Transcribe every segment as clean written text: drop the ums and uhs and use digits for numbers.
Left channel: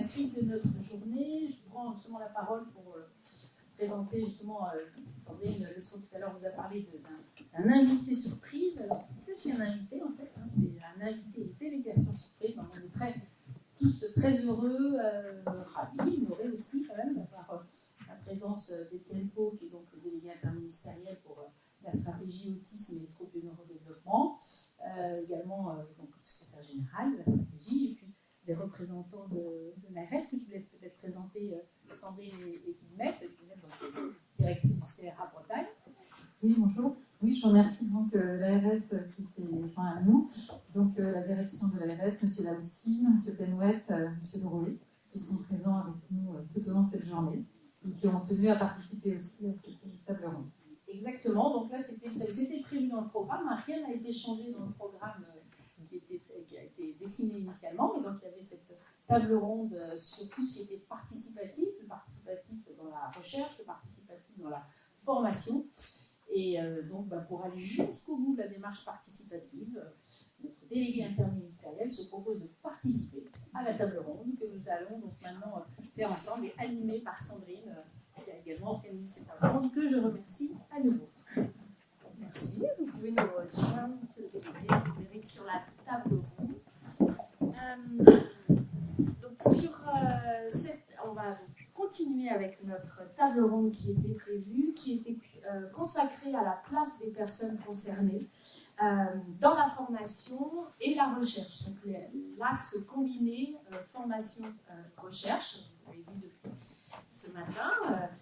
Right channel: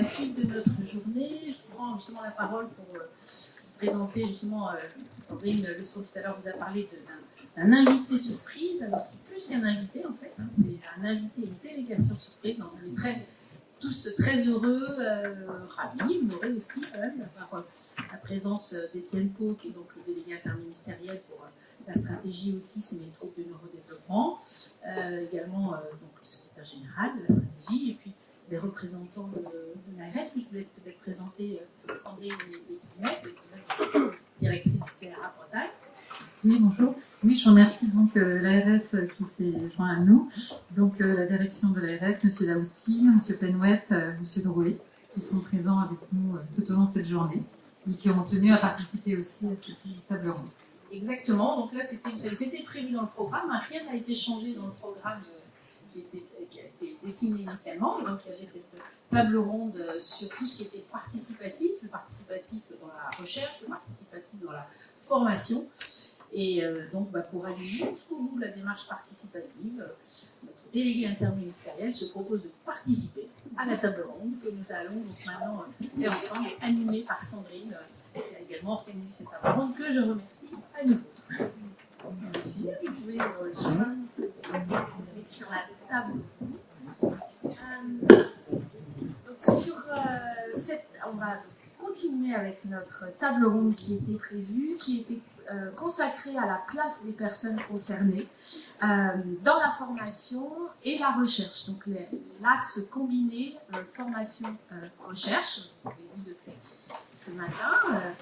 la suite de notre journée. Je prends justement la parole pour présenter justement, Sandrine Leçon tout à l'heure vous a parlé d'un invité surprise. Alors c'est plus qu'un invité en fait, hein, c'est un invité, une délégation surprise. Donc, on est tous très heureux, ravis, honorés aussi quand même d'avoir la présence d'Étienne Pau, qui est donc le délégué interministériel pour la stratégie autisme et les troubles du neurodéveloppement, également donc, le secrétaire général de la stratégie, et puis les représentants de l'ARS, que je vous laisse peut-être présenter Sandrine et Guillemette, directrice du CRA Bretagne. Oui, bonjour. Oui, je remercie donc l'ARS qui s'est joint à nous. Donc la direction de l'ARS, M. Laoussi, M. Penouet, M. Drouet, qui sont présents avec nous tout au long de cette journée et qui ont tenu à participer aussi à cette table ronde. Exactement. Donc là, c'était prévu dans le programme. Rien n'a été changé dans le programme qui a été dessiné initialement. Et donc il y avait cette table ronde sur tout ce qui était participatif, le participatif dans la recherche, le participatif dans la formation. Et donc, pour aller jusqu'au bout de la démarche participative, notre délégué interministériel se propose de participer à la table ronde que nous allons donc maintenant faire ensemble, animée par Sandrine, qui a également organisé cette table ronde, que je remercie à nouveau. Merci. Je vais rejoindre sur la table ronde. On va continuer avec notre table ronde qui était prévue, qui était consacrée à la place des personnes concernées dans la formation et la recherche. Donc l'axe combiné formation-recherche, on l'a vu depuis ce matin.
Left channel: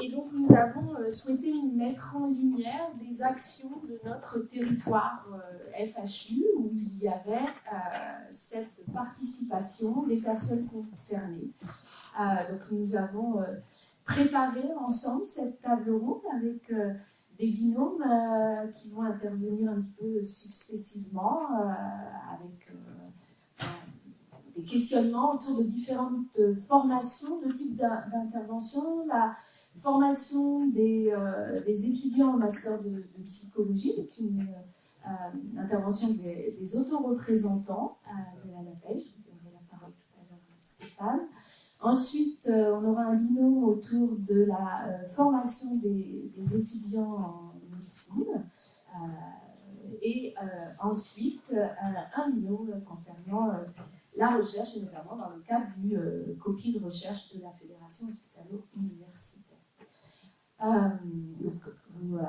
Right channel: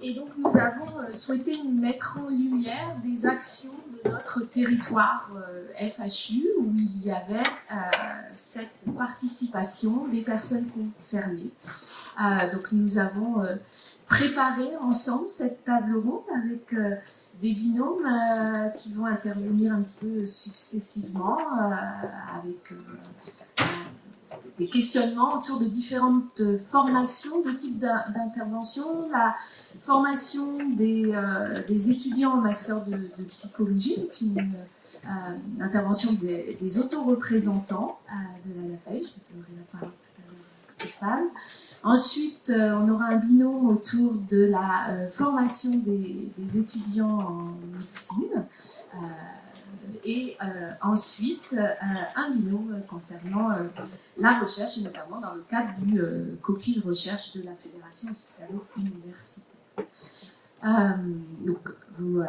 Et donc nous avons souhaité mettre en lumière des actions de notre territoire FHU où il y avait cette participation des personnes concernées. Donc nous avons préparé ensemble cette table ronde avec des binômes qui vont intervenir un petit peu successivement avec des questionnements autour de différentes formations, de types d'intervention, la formation des étudiants en master de psychologie, avec une intervention des autoreprésentants de la LAFEJ, je donnerai la parole tout à l'heure à Stéphane. Ensuite, on aura un binôme autour de la formation des étudiants en médecine. Et ensuite, un binôme concernant la recherche, et notamment dans le cadre du copie de recherche de la Fédération hospitalo-universitaire. Donc, vous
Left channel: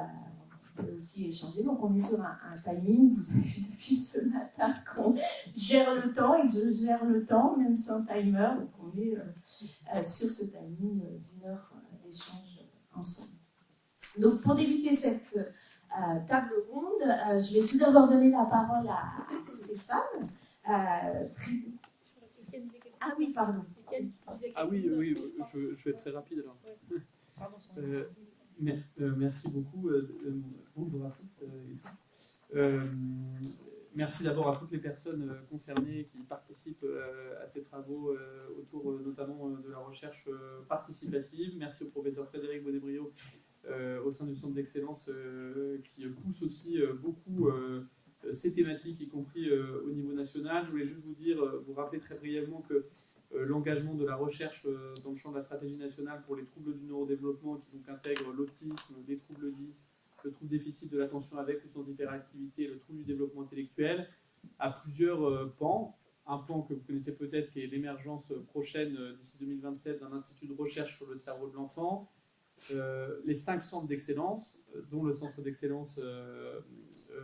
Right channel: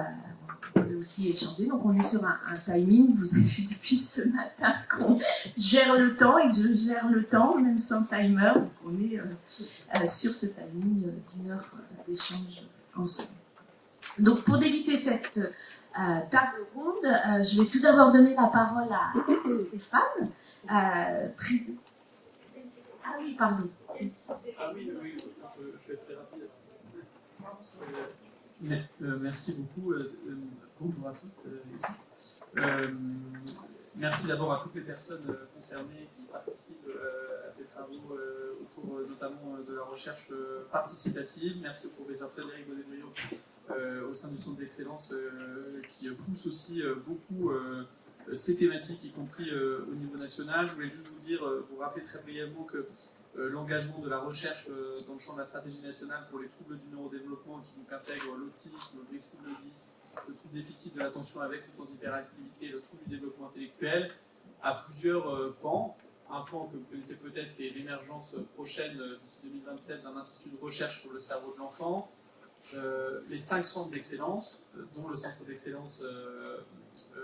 pouvez aussi échanger. Donc, on est sur un timing. Vous avez vu depuis ce matin qu'on gère le temps et que je gère le temps, même sans timer. Donc, on est sur ce timing d'une heure d'échange ensemble. Donc, pour débuter cette table ronde, je vais tout d'abord donner la parole à Stéphane. Ah oui, pardon. Ah oui, je vais être très rapide alors. Merci beaucoup. Bonjour à tous. Merci d'abord à toutes les personnes concernées qui participent à ces travaux autour notamment de la recherche participative. Merci au professeur Frédéric Godebrio au sein du centre d'excellence qui pousse aussi beaucoup ces thématiques, y compris au niveau national. Je voulais juste vous rappeler très brièvement que l'engagement de la recherche dans le champ de la stratégie nationale pour les troubles du neurodéveloppement qui intègre l'autisme, les troubles 10, le trouble déficit de l'attention avec ou sans hyperactivité et le trouble du développement intellectuel a plusieurs pans. Un pan que vous connaissez peut-être qui est l'émergence prochaine d'ici 2027 d'un institut de recherche sur le cerveau de l'enfant. Les 5 centres d'excellence, dont le centre d'excellence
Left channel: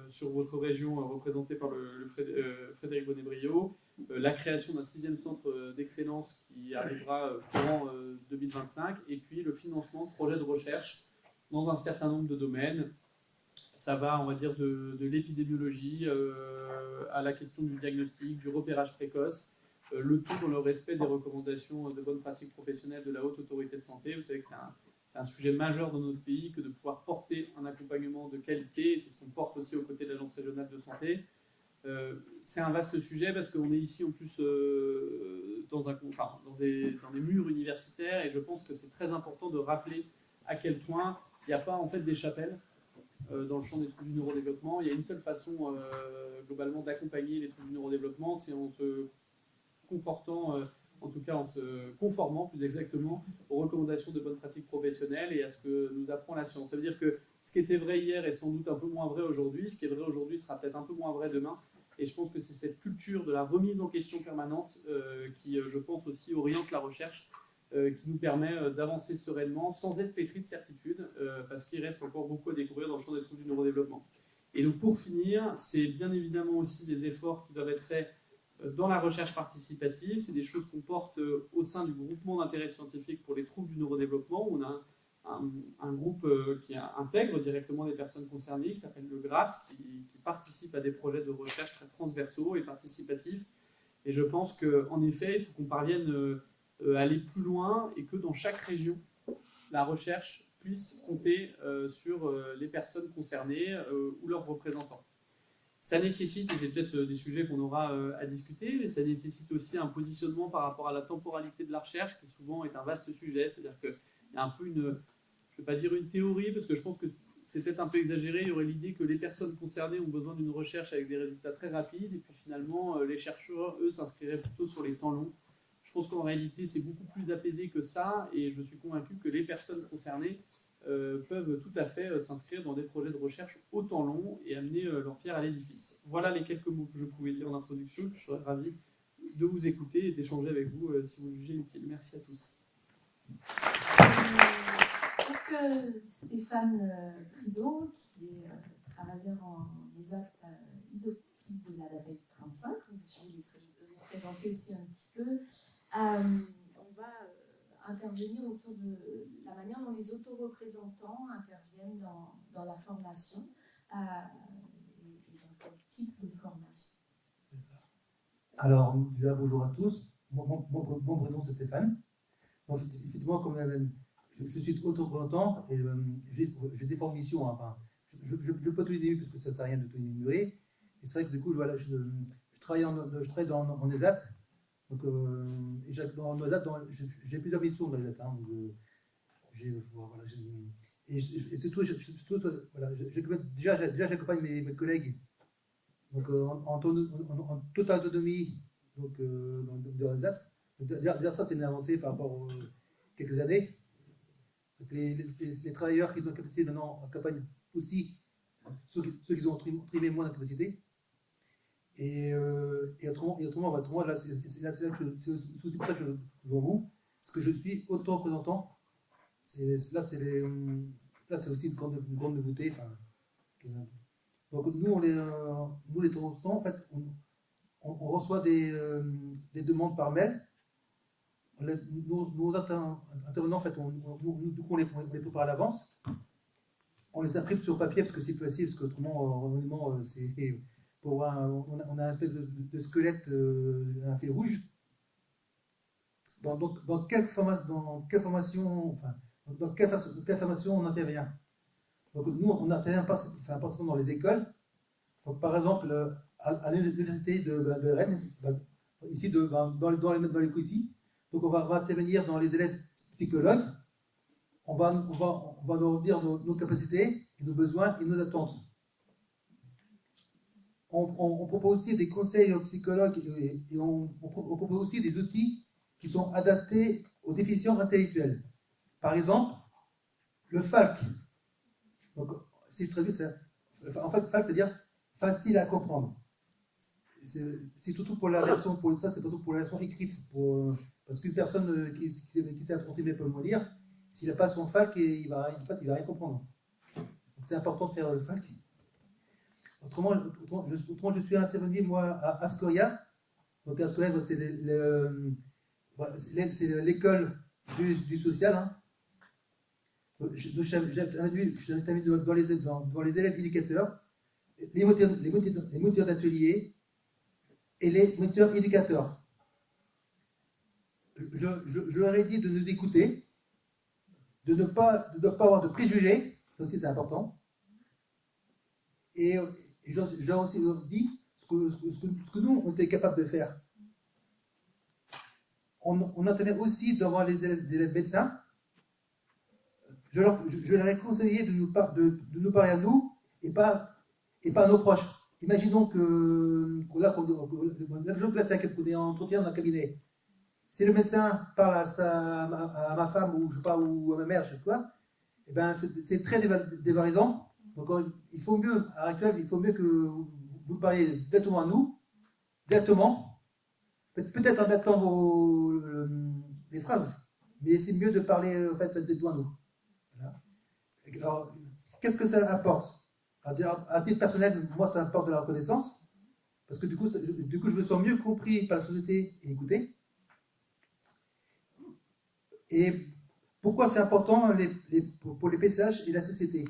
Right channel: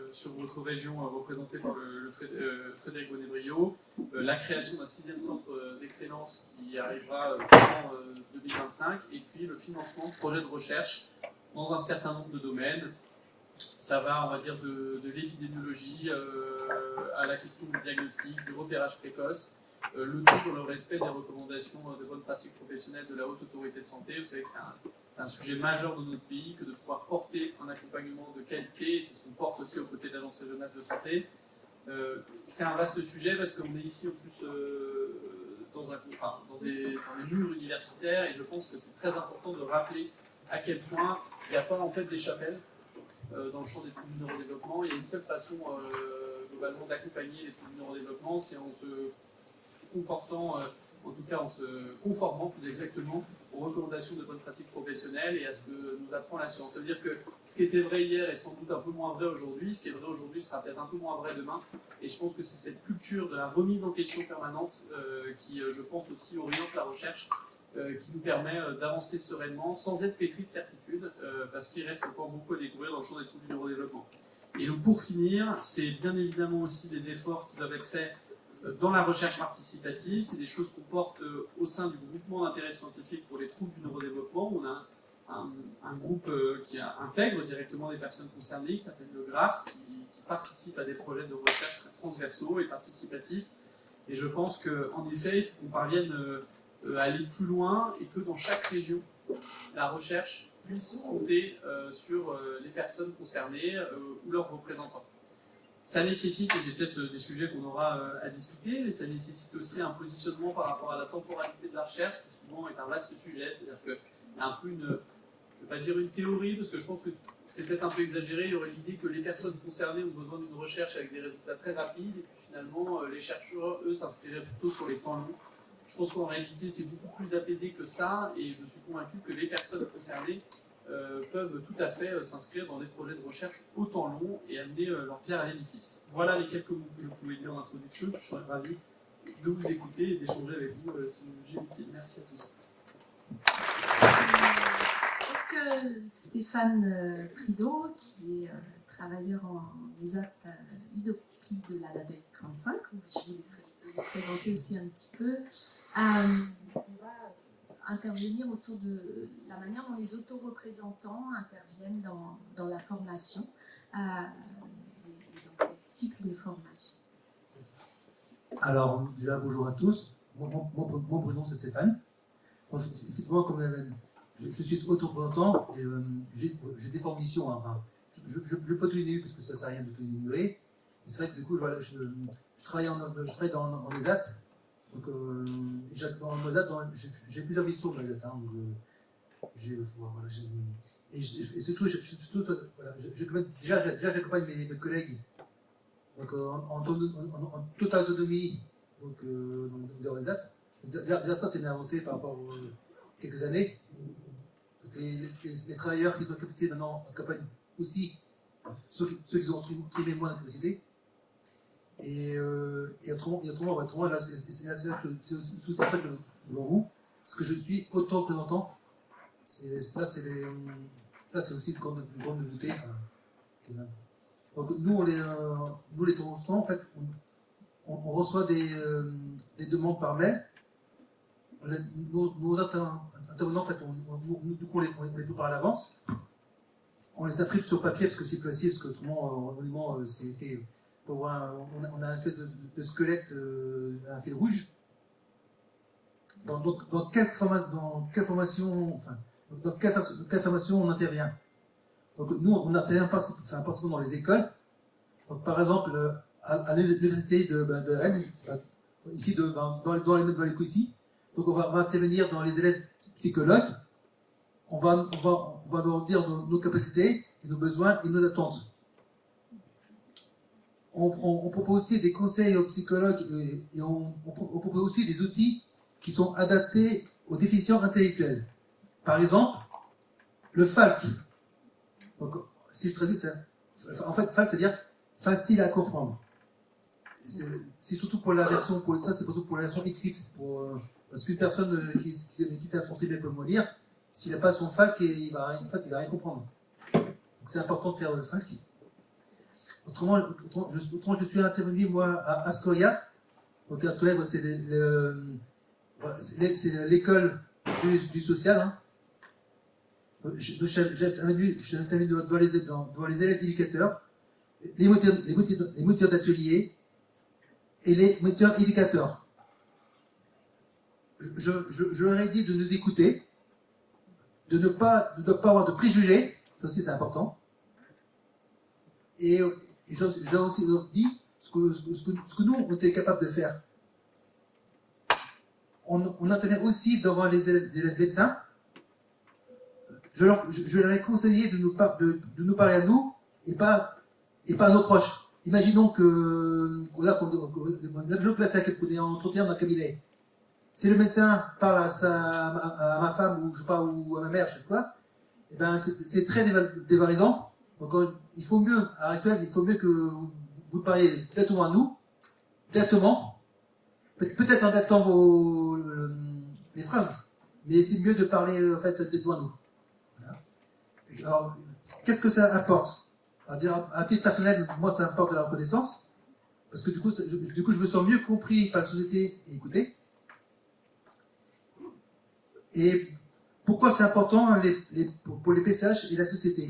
sur votre région représenté par le Frédéric Godebrio, la création d'un 6e centre d'excellence qui arrivera en 2025, et puis le financement de projets de recherche dans un certain nombre de domaines. Ça va, on va dire, de l'épidémiologie à la question du diagnostic, du repérage précoce, le tout dans le respect des recommandations de bonnes pratiques professionnelles de la Haute Autorité de Santé. Vous savez que c'est un sujet majeur dans notre pays que de pouvoir porter un accompagnement de qualité. C'est ce qu'on porte aussi aux côtés de l'Agence régionale de santé. C'est un vaste sujet parce qu'on est ici au plus dans des murs universitaires, et je pense que c'est très important de rappeler à quel point il n'y a pas en fait des chapelles dans le champ des troubles du neurodéveloppement. Il y a une seule façon globalement d'accompagner les troubles du neurodéveloppement, c'est en se confortant en tout cas en se conformant plus exactement aux recommandations de bonnes pratiques professionnelles et à ce que nous apprend la science. C'est-à-dire que ce qui était vrai hier est sans doute un peu moins vrai aujourd'hui, ce qui est vrai aujourd'hui sera peut-être un peu moins vrai demain, et je pense que c'est cette culture de la remise en question permanente qui, je pense, aussi oriente la recherche, qui nous permet d'avancer sereinement sans être pétri de certitude, parce qu'il reste encore beaucoup à découvrir dans le champ des troubles du neurodéveloppement. Et donc pour finir, c'est bien évidemment aussi des efforts qui doivent être faits dans la recherche participative. C'est des choses qu'on porte au sein du groupement d'intérêt scientifique pour les troubles du neurodéveloppement. On a un groupe qui intègre directement les personnes concernées, qui s'appelle le GRAPS, qui participe à des projets de recherche très transversaux et participatifs. Et je pense qu'en effet, il faut qu'on parvienne à aller plus loin et que dans chaque région, la recherche puisse compter sur les personnes concernées ou leurs représentants. Ça nécessite, et c'est peut-être des sujets qu'on aura à discuter, mais ça nécessite aussi un positionnement par rapport à la temporalité de la recherche, qui souvent est un vaste sujet, c'est-à-dire qu'il y a un peu je ne vais pas dire une théorie, parce que je pense que c'est peut-être un peu exagéré, il y aurait l'idée que les personnes concernées ont besoin d'une recherche avec des résultats très rapides, et puis finalement, les chercheurs, eux, s'inscriraient plutôt sur les temps longs. Je pense qu'en réalité, c'est beaucoup plus apaisé que ça, et je suis convaincu que les personnes concernées peuvent tout à fait s'inscrire dans des projets de recherche au temps long et amener leur pierre à l'édifice. Voilà les quelques mots que je pouvais dire en introduction. Je serais ravi de vous écouter et d'échanger avec vous si vous jugez utile. Merci à tous. Donc, Stéphane Prideau, qui est travailleur en ESAT UDOPI de la label 35, je vais vous présenter aussi un petit peu. On va intervenir autour de la manière dont les autoreprésentants interviennent dans la formation, dans quel type de formation. Alors, déjà, bonjour à tous. Mon prénom, c'est Stéphane. Bon, effectivement, quand même, je suis auto-représentant et j'ai des formations. Je ne peux pas donner parce que ça ne sert à rien de diminuer. Et c'est vrai que du coup, voilà, je travaille en ESAT. Donc, en ESAT, j'ai plusieurs missions dans l'ESAT. Et surtout, déjà, j'accompagne mes collègues donc, en toute autonomie dans l'ESAT. Déjà, ça, c'est une avancée par rapport à quelques années. Donc, les travailleurs qui sont capacités maintenant accompagnent aussi ceux qui ont très moins de capacité. Et autrement, là, c'est là que je pour vous, parce que je suis auto-représentant. Là, c'est aussi une grande nouveauté. Donc, nous, les représentants, en fait, on reçoit des demandes par mail. Nos intervenants, en fait, on les prépare à l'avance. On les imprime sur papier parce que c'est facile, parce que tout le monde, c'est on a un espèce de squelette à fil rouge. Dans quelle formation on intervient. Donc nous, on n'intervient pas forcément dans les écoles. Donc par exemple, à l'université de Rennes, ici dans les Goussy, donc on va intervenir dans les élèves psychologues. On va leur dire nos capacités, nos besoins et nos attentes. On propose aussi des conseils aux psychologues et on propose aussi des outils qui sont adaptés aux déficients intellectuels. Par exemple, le FALC. Donc, si je traduis ça, en fait, FALC, c'est-à-dire facile à comprendre. C'est surtout pour la version, c'est surtout pour la version écrite. Parce qu'une personne qui s'est attentive et peut me lire, s'il n'a pas son FALC, il va rien comprendre. Donc, c'est important de faire le FALC. Autrement, je suis intervenu, moi, à Astoria. Donc, Astoria, c'est l'école du social. Hein. J'ai intervenu dans les élèves éducateurs, les moteurs d'atelier et les moteurs éducateurs. Je leur ai dit de nous écouter, de ne pas avoir de préjugés, ça aussi c'est important. Et j'ai aussi dit ce que nous, on était capable de faire. On intervient aussi devant les médecins. Je leur ai conseillé de nous parler à nous et pas à nos proches. Imaginons qu'on est en entretien dans un cabinet. Si le médecin parle à ma femme ou, je sais pas, ou à ma mère, je sais pas, eh ben, c'est très dévalorisant. Donc il faut mieux, il faut mieux que vous parliez directement à nous, directement, peut-être en mettant les phrases, mais c'est mieux de parler en fait, directement à nous. Voilà. Alors, qu'est-ce que ça apporte? À titre personnel, moi ça apporte de la reconnaissance, parce que du coup, je me sens mieux compris par la société et écouté. Et pourquoi c'est important pour les PSH et la société?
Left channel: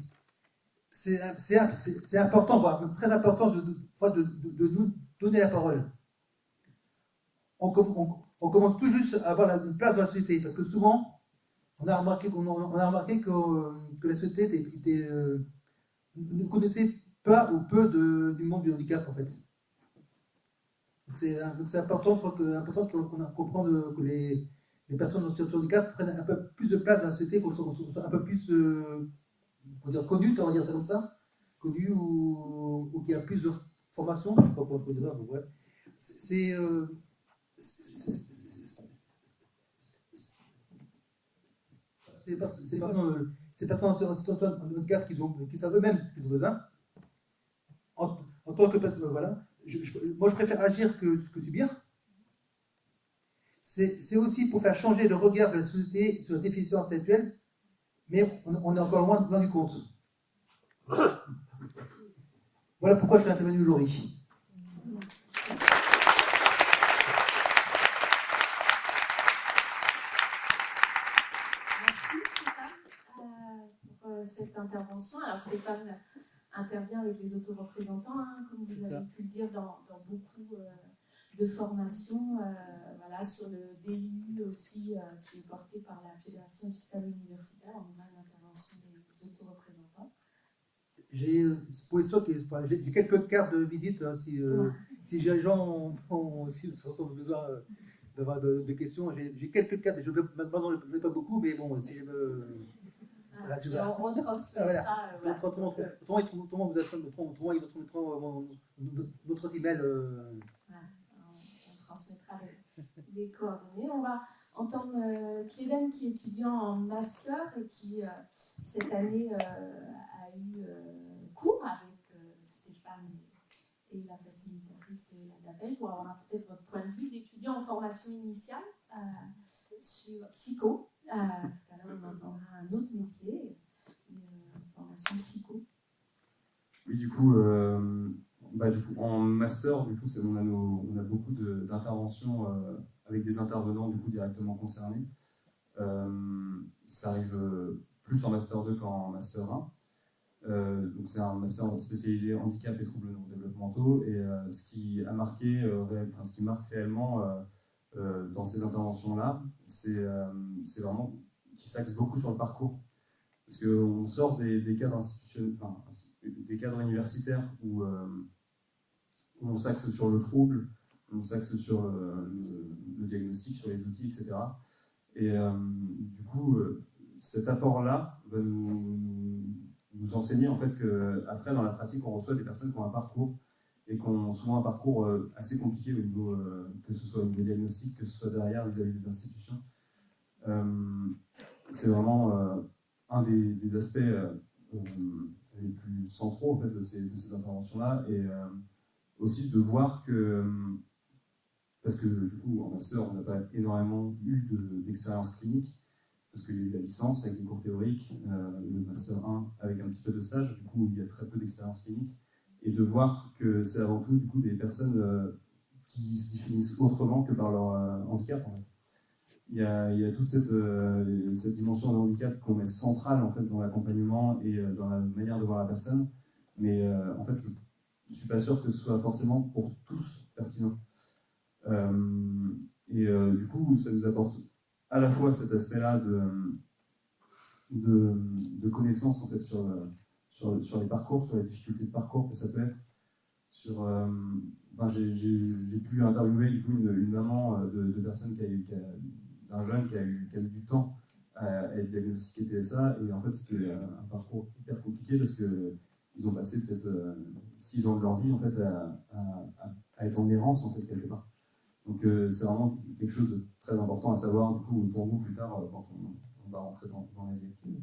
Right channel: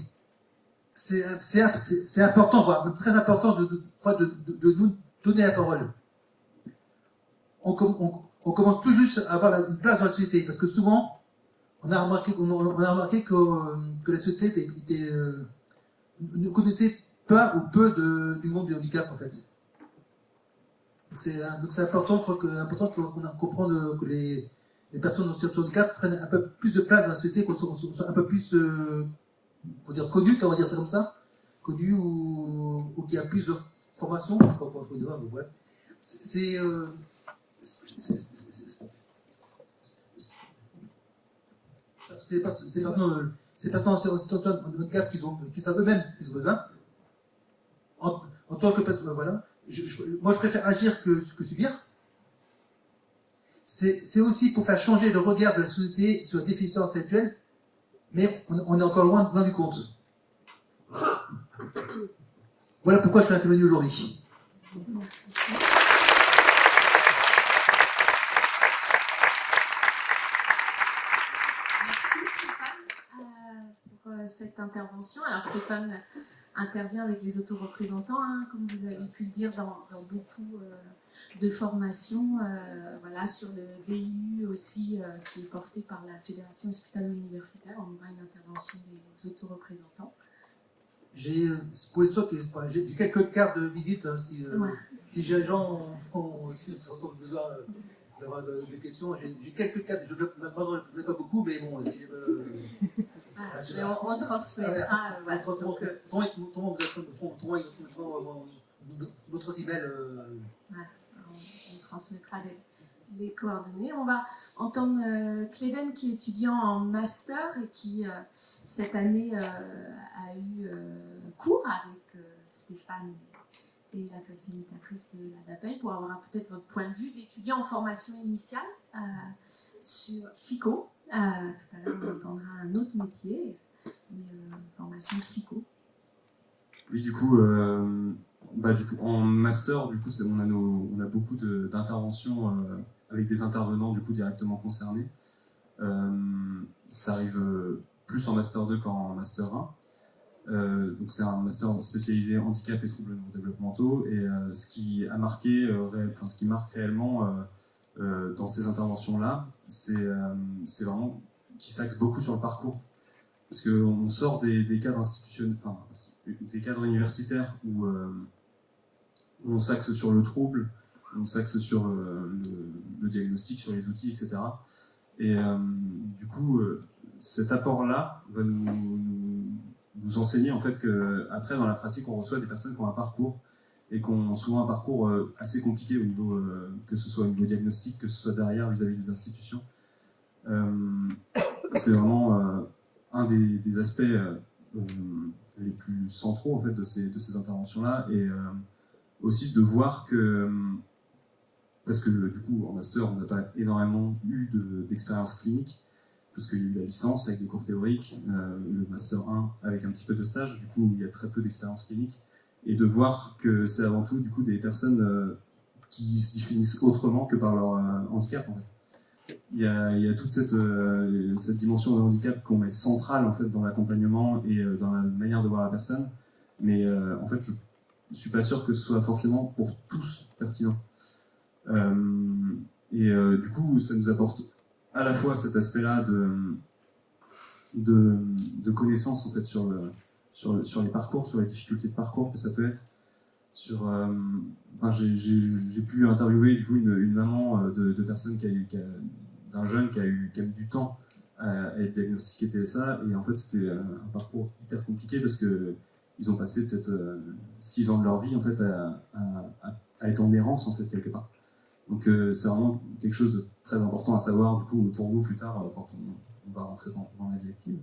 C'est important, voire très important de nous donner la parole. On commence tout juste à avoir une place dans la société, parce que souvent, on a remarqué que la société ne connaissait pas ou peu du monde du handicap, en fait. Donc c'est important, qu'on comprenne que les personnes en situation de handicap prennent un peu plus de place dans la société, qu'on soit un peu plus connues, on va dire ça comme ça, connues ou qu'il y a plus de formation, je ne sais pas comment on peut dire, donc ouais. C'est pas en situation de handicap qui savent eux-mêmes qu'ils ont besoin. En tant que personne, voilà. Moi, je préfère agir que subir. C'est aussi pour faire changer le regard de la société sur la définition intellectuelle, mais on est encore loin du compte. Voilà pourquoi je suis intervenu aujourd'hui. Merci Stéphane pour cette intervention. Alors Stéphane intervient avec les autoreprésentants, hein, comme vous avez pu le dire dans beaucoup de formations, voilà, sur le DIU aussi, qui est porté par la Fédération hospitalo-universitaire. On aura une intervention des autoreprésentants. J'ai quelques cas de visite, hein, si les gens ont aussi besoin d'avoir des questions. J'ai quelques cas, je ne le pas beaucoup, mais bon, c'est on retransmettra. Notre email. On transmettra les coordonnées. On va entendre Cléden, qui est étudiant en master et qui, cette année, a eu cours avec Stéphane et la facilitatrice de l'APEL pour avoir peut-être votre point de vue d'étudiant en formation initiale sur psycho. Tout à l'heure, on entendra un autre métier, formation psycho. Oui, du coup, en master, du coup, on a beaucoup d'interventions avec des intervenants du coup directement concernés. Ça arrive plus en master 2 qu'en master 1. Donc c'est un master spécialisé handicap et troubles développementaux. Et ce qui marque réellement dans ces interventions-là, c'est vraiment qui s'axe beaucoup sur le parcours. Parce qu'on sort des cadres institutionnels, des cadres universitaires où on s'axe sur le trouble, où on s'axe sur le diagnostic, sur les outils, etc. Et du coup, cet apport-là va nous enseigner en fait qu'après, dans la pratique, on reçoit des personnes qui ont un parcours et qu'on soit un parcours assez compliqué au niveau, que ce soit au niveau diagnostic, que ce soit derrière vis-à-vis des institutions. C'est vraiment un des aspects les plus centraux en fait, de ces interventions-là, et aussi de voir que, parce que du coup en master on n'a pas énormément eu d'expérience clinique, parce qu'il y a eu la licence avec des cours théoriques, le master 1 avec un petit peu de stage, du coup il y a très peu d'expérience clinique, et de voir que c'est avant tout du coup des personnes qui se définissent autrement que par leur handicap en fait. Il y a toute cette dimension de handicap qu'on met centrale en fait dans l'accompagnement et dans la manière de voir la personne, mais en fait je suis pas sûr que ce soit forcément pour tous pertinent. Du coup ça nous apporte à la fois cet aspect-là de connaissances en fait sur les parcours, sur les difficultés de parcours que ça peut être. J'ai pu interviewer du coup une maman de personnes d'un jeune qui a eu du temps à être diagnostiqué TSA, et en fait c'était un parcours hyper compliqué parce que ils ont passé peut-être 6 ans de leur vie en fait à être en errance en fait quelque part. Donc c'est vraiment quelque chose de très important à savoir du coup pour vous plus tard quand on va rentrer dans la vie active.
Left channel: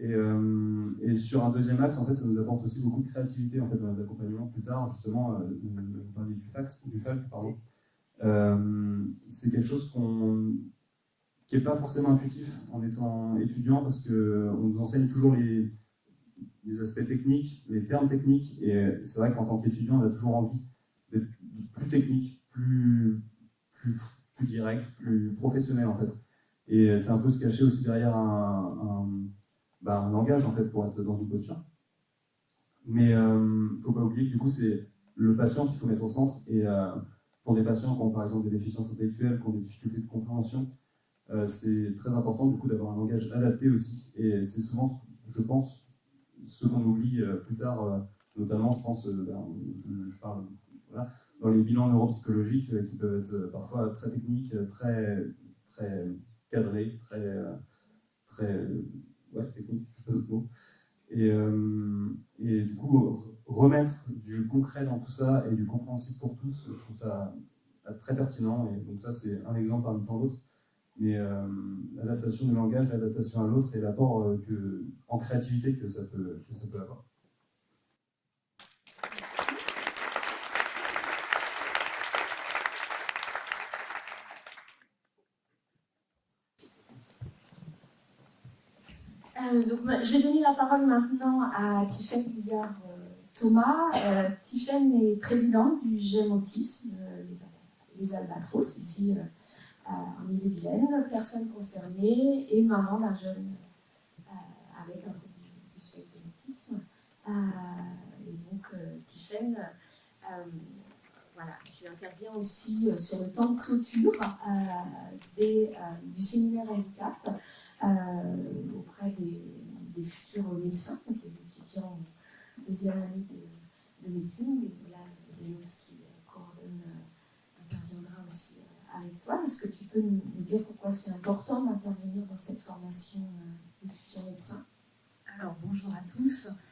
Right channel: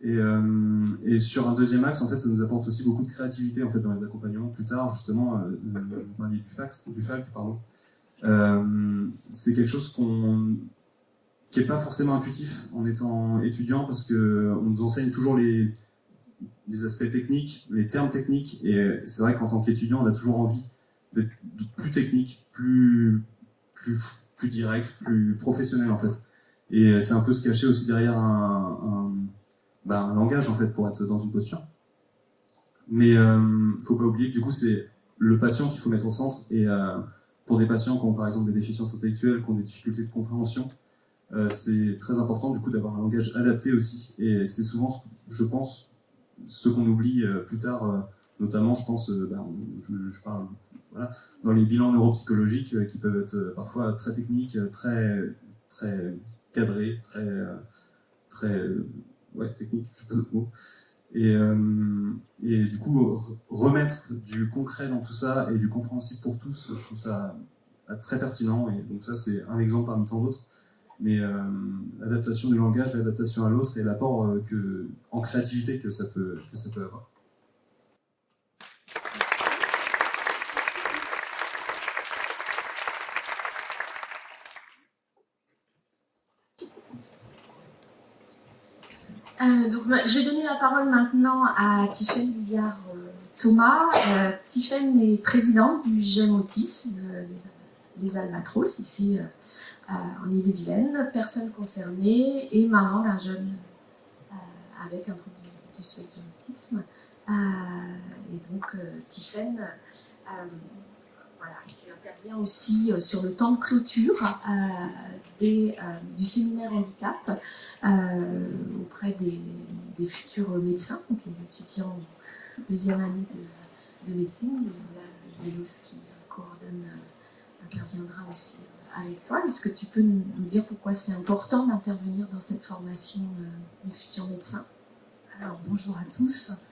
Et sur un deuxième axe, en fait, ça nous apporte aussi beaucoup de créativité en fait dans les accompagnements plus tard, justement dans les FAC, pardon. C'est quelque chose qui n'est pas forcément intuitif en étant étudiant parce que on nous enseigne toujours les aspects techniques, les termes techniques, et c'est vrai qu'en tant qu'étudiant, on a toujours envie d'être plus technique, plus direct, plus professionnel en fait. Et c'est un peu se cacher aussi derrière un langage en fait pour être dans une posture. Mais faut pas oublier que du coup c'est le patient qu'il faut mettre au centre, et pour des patients qui ont par exemple des déficiences intellectuelles, qui ont des difficultés de compréhension, c'est très important du coup d'avoir un langage adapté aussi, et c'est souvent, je pense, ce qu'on oublie plus tard, notamment je pense, je parle voilà, dans les bilans neuropsychologiques qui peuvent être parfois très techniques, très cadrés, très techniques, je sais pas d'autres mots. Et du coup, remettre du concret dans tout ça et du compréhensible pour tous, je trouve ça très pertinent. Et donc ça, c'est un exemple parmi tant d'autres. Mais l'adaptation du langage, l'adaptation à l'autre et l'apport en créativité que ça peut avoir. Donc, je vais donner la parole maintenant à Tiffaine Billard-Thomas. Tiffaine est présidente du GEM Autisme des Albatros, ici en Ille-et-Vilaine, personne concernée et maman d'un jeune avec un trouble du spectre de l'autisme. Et donc, Tiffaine, voilà, tu interviens aussi sur le temps de clôture du séminaire handicap auprès des futurs médecins, donc les étudiants en deuxième année de médecine. Lélos qui coordonne interviendra aussi avec toi. Est-ce que tu peux nous dire pourquoi c'est important d'intervenir dans cette formation de futurs médecins? Alors bonjour à tous.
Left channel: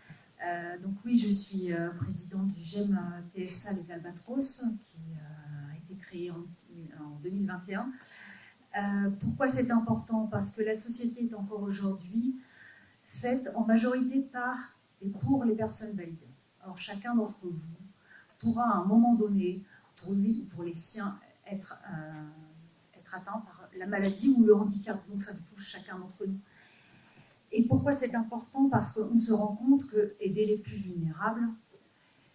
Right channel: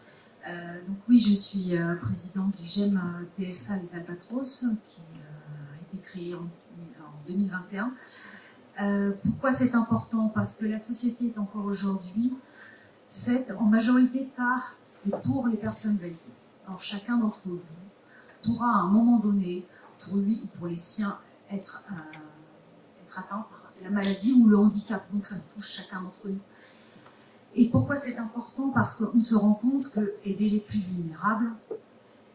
Donc oui, je suis présidente du GEM TSA des Albatros qui a été créé en 2021. Pourquoi c'est important? Parce que la société est encore aujourd'hui faite en majorité par et pour les personnes validées. Alors chacun d'entre vous pourra à un moment donné, pour lui ou pour les siens, être atteint par la maladie ou le handicap. Donc ça touche chacun d'entre nous. Et pourquoi c'est important? Parce qu'on se rend compte que aider les plus vulnérables,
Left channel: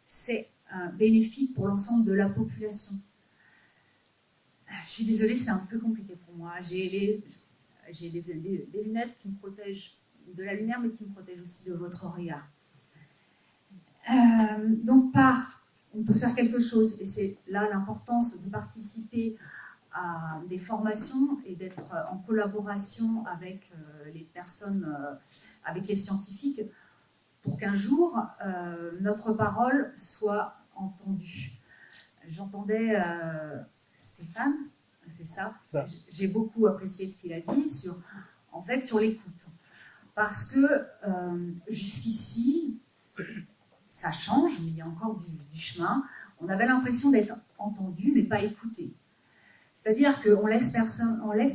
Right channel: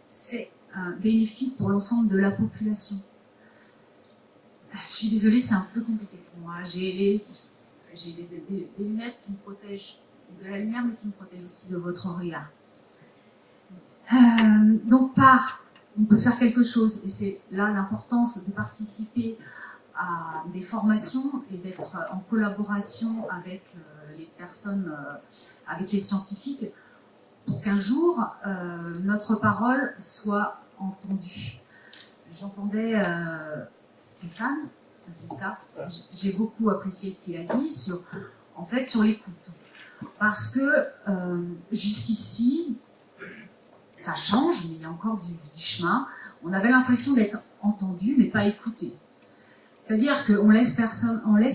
c'est bénéfique pour l'ensemble de la population. Je suis désolée, c'est un peu compliqué pour moi. J'ai des lunettes qui me protègent de la lumière, mais qui me protègent aussi de votre regard. Donc on peut faire quelque chose, et c'est là l'importance de participer à des formations et d'être en collaboration avec les personnes, avec les scientifiques, pour qu'un jour, notre parole soit entendue. J'entendais Stéphane, c'est ça. J'ai beaucoup apprécié ce qu'il a dit sur l'écoute. Parce que jusqu'ici, ça change, mais il y a encore du chemin. On avait l'impression d'être entendu, mais pas écouté. C'est-à-dire qu'on laisse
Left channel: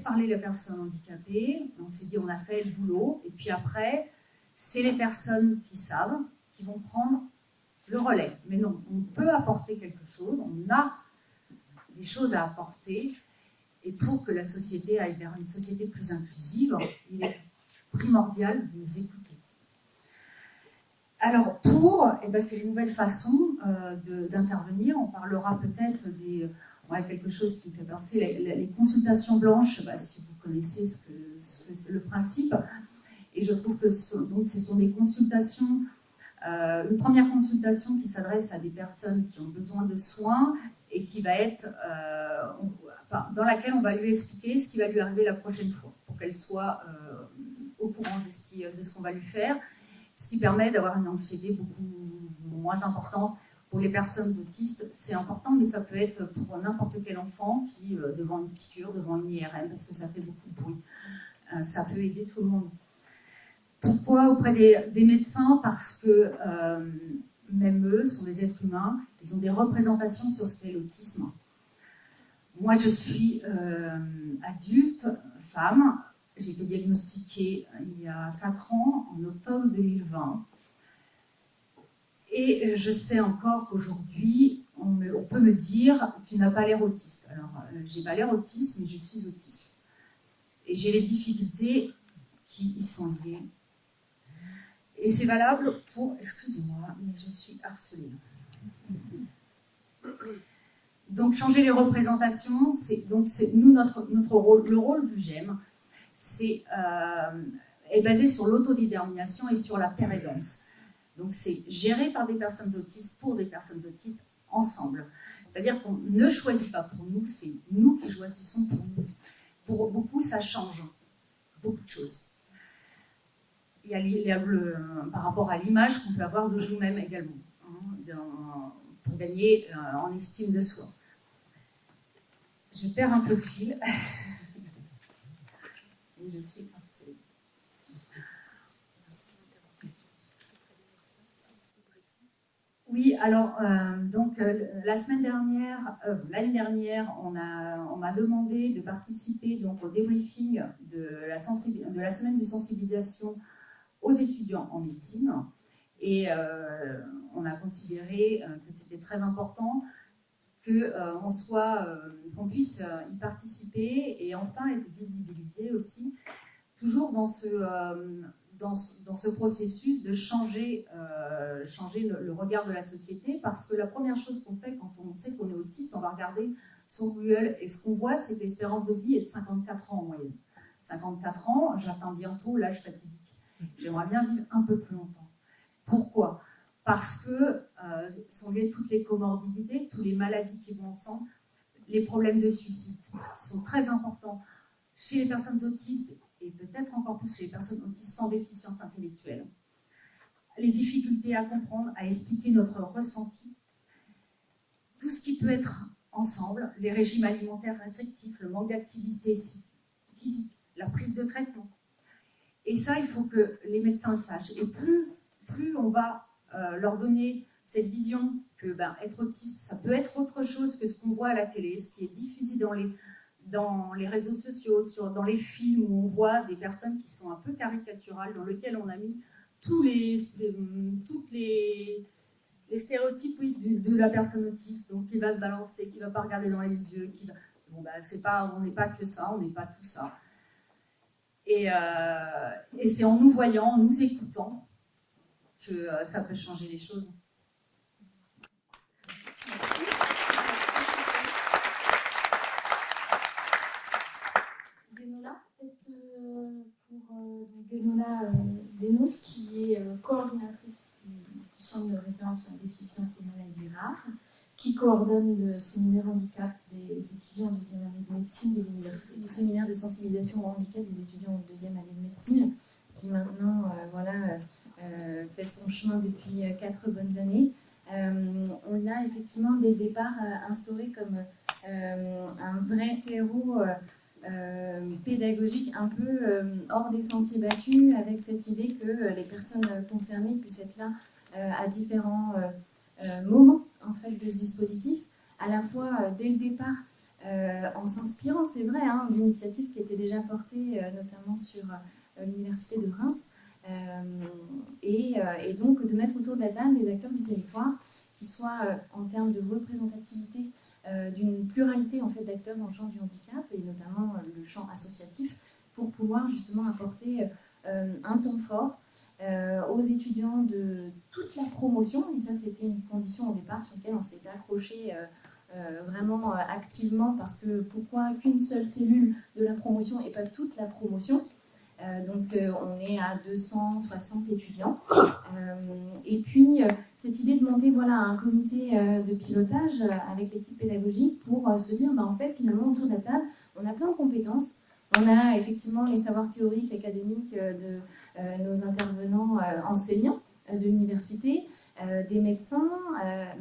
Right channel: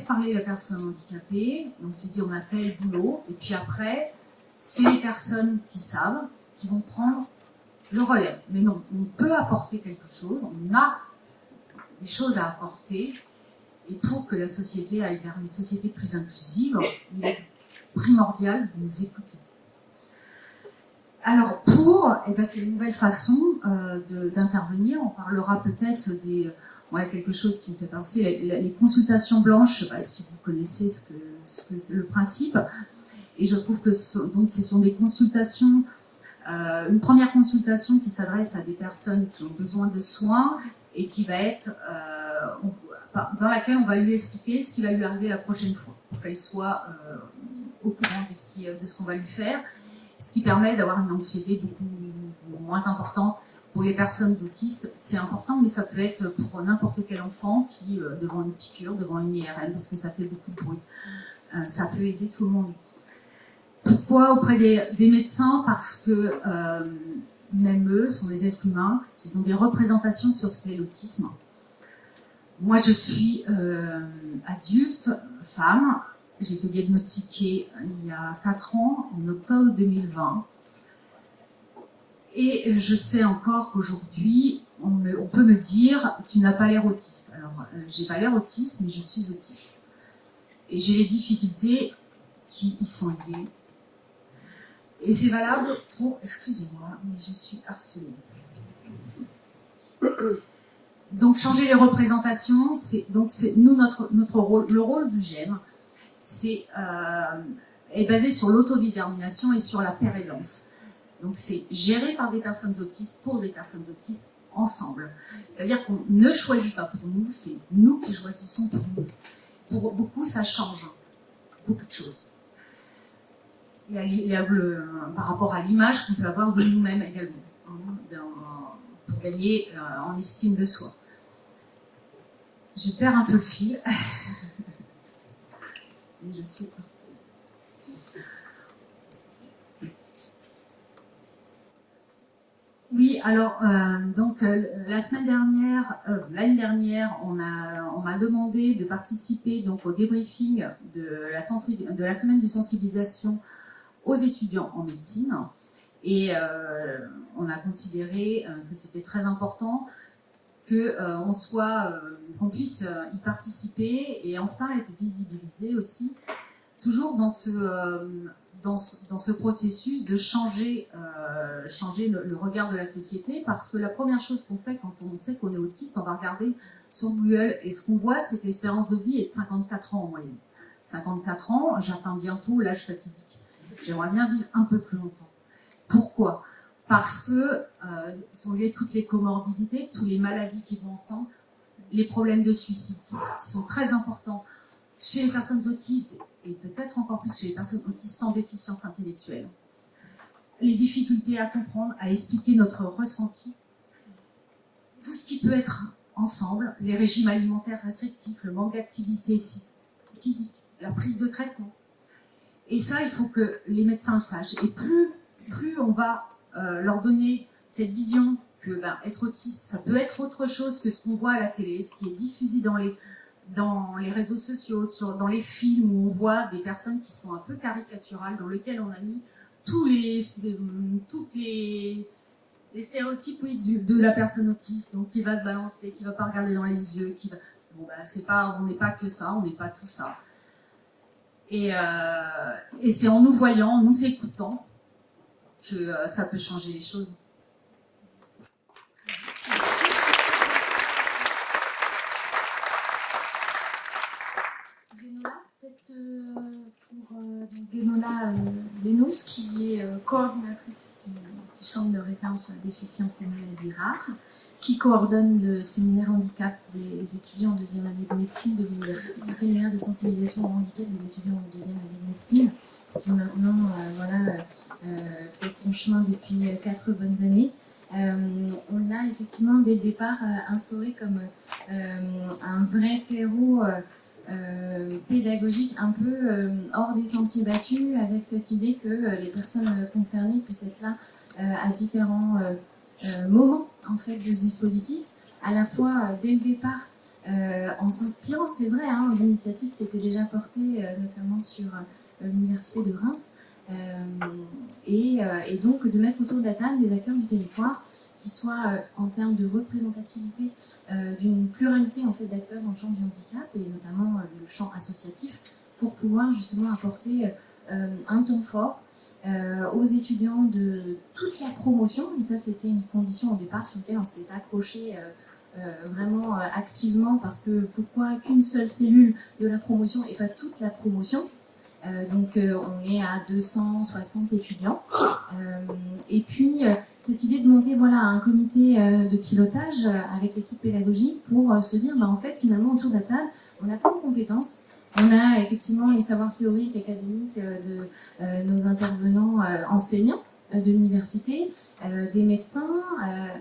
parler les personnes handicapées, on s'est dit on a fait le boulot, et puis après, c'est les personnes qui savent, qui vont prendre le relais. Mais non, on peut apporter quelque chose, on a des choses à apporter, et pour que la société aille vers une société plus inclusive, il est primordial de nous écouter. Alors c'est une nouvelle façon d'intervenir, on parlera peut-être quelque chose qui me fait penser, les consultations blanches, je ne sais pas si vous connaissez ce que c'est le principe, et je trouve que ce sont des consultations, une première consultation qui s'adresse à des personnes qui ont besoin de soins et qui va être, dans laquelle on va lui expliquer ce qui va lui arriver la prochaine fois, pour qu'elle soit au courant de ce qu'on va lui faire, ce qui permet d'avoir une anxiété beaucoup moins importante. Pour les personnes autistes, c'est important, mais ça peut être pour n'importe quel enfant qui, devant une piqûre, devant une IRM, parce que ça fait beaucoup de bruit. Ça peut aider tout le monde. Pourquoi auprès des médecins? Parce que même eux sont des êtres humains, ils ont des représentations sur ce qu'est l'autisme. Moi, je suis adulte, femme. J'ai été diagnostiquée il y a 4 ans, en octobre 2020. Et je sais encore qu'aujourd'hui, on peut me dire « tu n'as pas l'air autiste ». Alors, j'ai pas l'air autiste, mais je suis autiste. Et j'ai les difficultés qui y sont liées. Et c'est valable pour... Excusez-moi, mais je suis harcelée. Donc, changer les représentations, c'est nous, notre rôle, le rôle du GEM, est basé sur l'autodétermination et sur la pérédance. Donc, c'est géré par des personnes autistes, pour des personnes autistes, ensemble. C'est-à-dire qu'on ne choisit pas pour nous, c'est nous qui choisissons pour nous. Pour beaucoup, ça change beaucoup de choses. Il y a par rapport à l'image qu'on peut avoir de nous-mêmes également, pour gagner en estime de soi. Je perds un peu le fil. Et je suis harcelée. Oui, alors, la semaine dernière, l'année dernière, on m'a demandé de participer donc, au débriefing de la semaine de sensibilisation aux étudiants en médecine. Et on a considéré que c'était très important qu'on puisse y participer et enfin être visibilisé aussi, toujours dans ce processus de changer le regard de la société, parce que la première chose qu'on fait quand on sait qu'on est autiste, on va regarder son Google et ce qu'on voit, c'est que l'espérance de vie est de 54 ans en moyenne. 54 ans, j'atteins bientôt l'âge fatidique. J'aimerais bien vivre un peu plus longtemps. Pourquoi ? Parce que sont liées toutes les comorbidités, toutes les maladies qui vont ensemble, les problèmes de suicide qui sont très importants chez les personnes autistes et peut-être encore plus chez les personnes autistes sans déficience intellectuelle. Les difficultés à comprendre, à expliquer notre ressenti, tout ce qui peut être ensemble, les régimes alimentaires restrictifs, le manque d'activité physique, la prise de traitement. Et ça, il faut que les médecins le sachent. Et plus on va leur donner cette vision que être autiste, ça peut être autre chose que ce qu'on voit à la télé, ce qui est diffusé dans les réseaux sociaux, dans les films où on voit des personnes qui sont un peu caricaturales, dans lesquelles on a mis tous les stéréotypes de la personne autiste, donc qui va se balancer, qui ne va pas regarder dans les yeux, on n'est pas que ça, on n'est pas tout ça. Et c'est en nous voyant, en nous écoutant, que ça peut changer les choses. Dénola Benos, qui est coordinatrice du centre de référence sur la déficience et maladies rares, qui coordonne le séminaire handicap des étudiants en deuxième année de médecine de l'université, le séminaire de sensibilisation au handicap des étudiants en deuxième année de médecine, qui maintenant fait son chemin depuis 4 bonnes années. On a effectivement dès le départ instauré comme un vrai terreau pédagogique un peu hors des sentiers battus, avec cette idée que les personnes concernées puissent être là à différents moments en fait, de ce dispositif, à la fois dès le départ en s'inspirant, c'est vrai, des initiatives qui étaient déjà portées notamment sur l'université de Reims, et donc de mettre autour de la table des acteurs du territoire qui soient en termes de représentativité d'une pluralité en fait, d'acteurs dans le champ du handicap et notamment le champ associatif pour pouvoir justement apporter un temps fort aux étudiants de toute la promotion, et ça c'était une condition au départ sur laquelle on s'est accroché vraiment activement, parce que pourquoi qu'une seule cellule de la promotion et pas toute la promotion. Donc on est à 260 étudiants. Et puis cette idée de monter un comité de pilotage avec l'équipe pédagogique pour se dire en fait finalement autour de la table on a plein de compétences. On a effectivement les savoirs théoriques, académiques de nos intervenants enseignants de l'université, des médecins,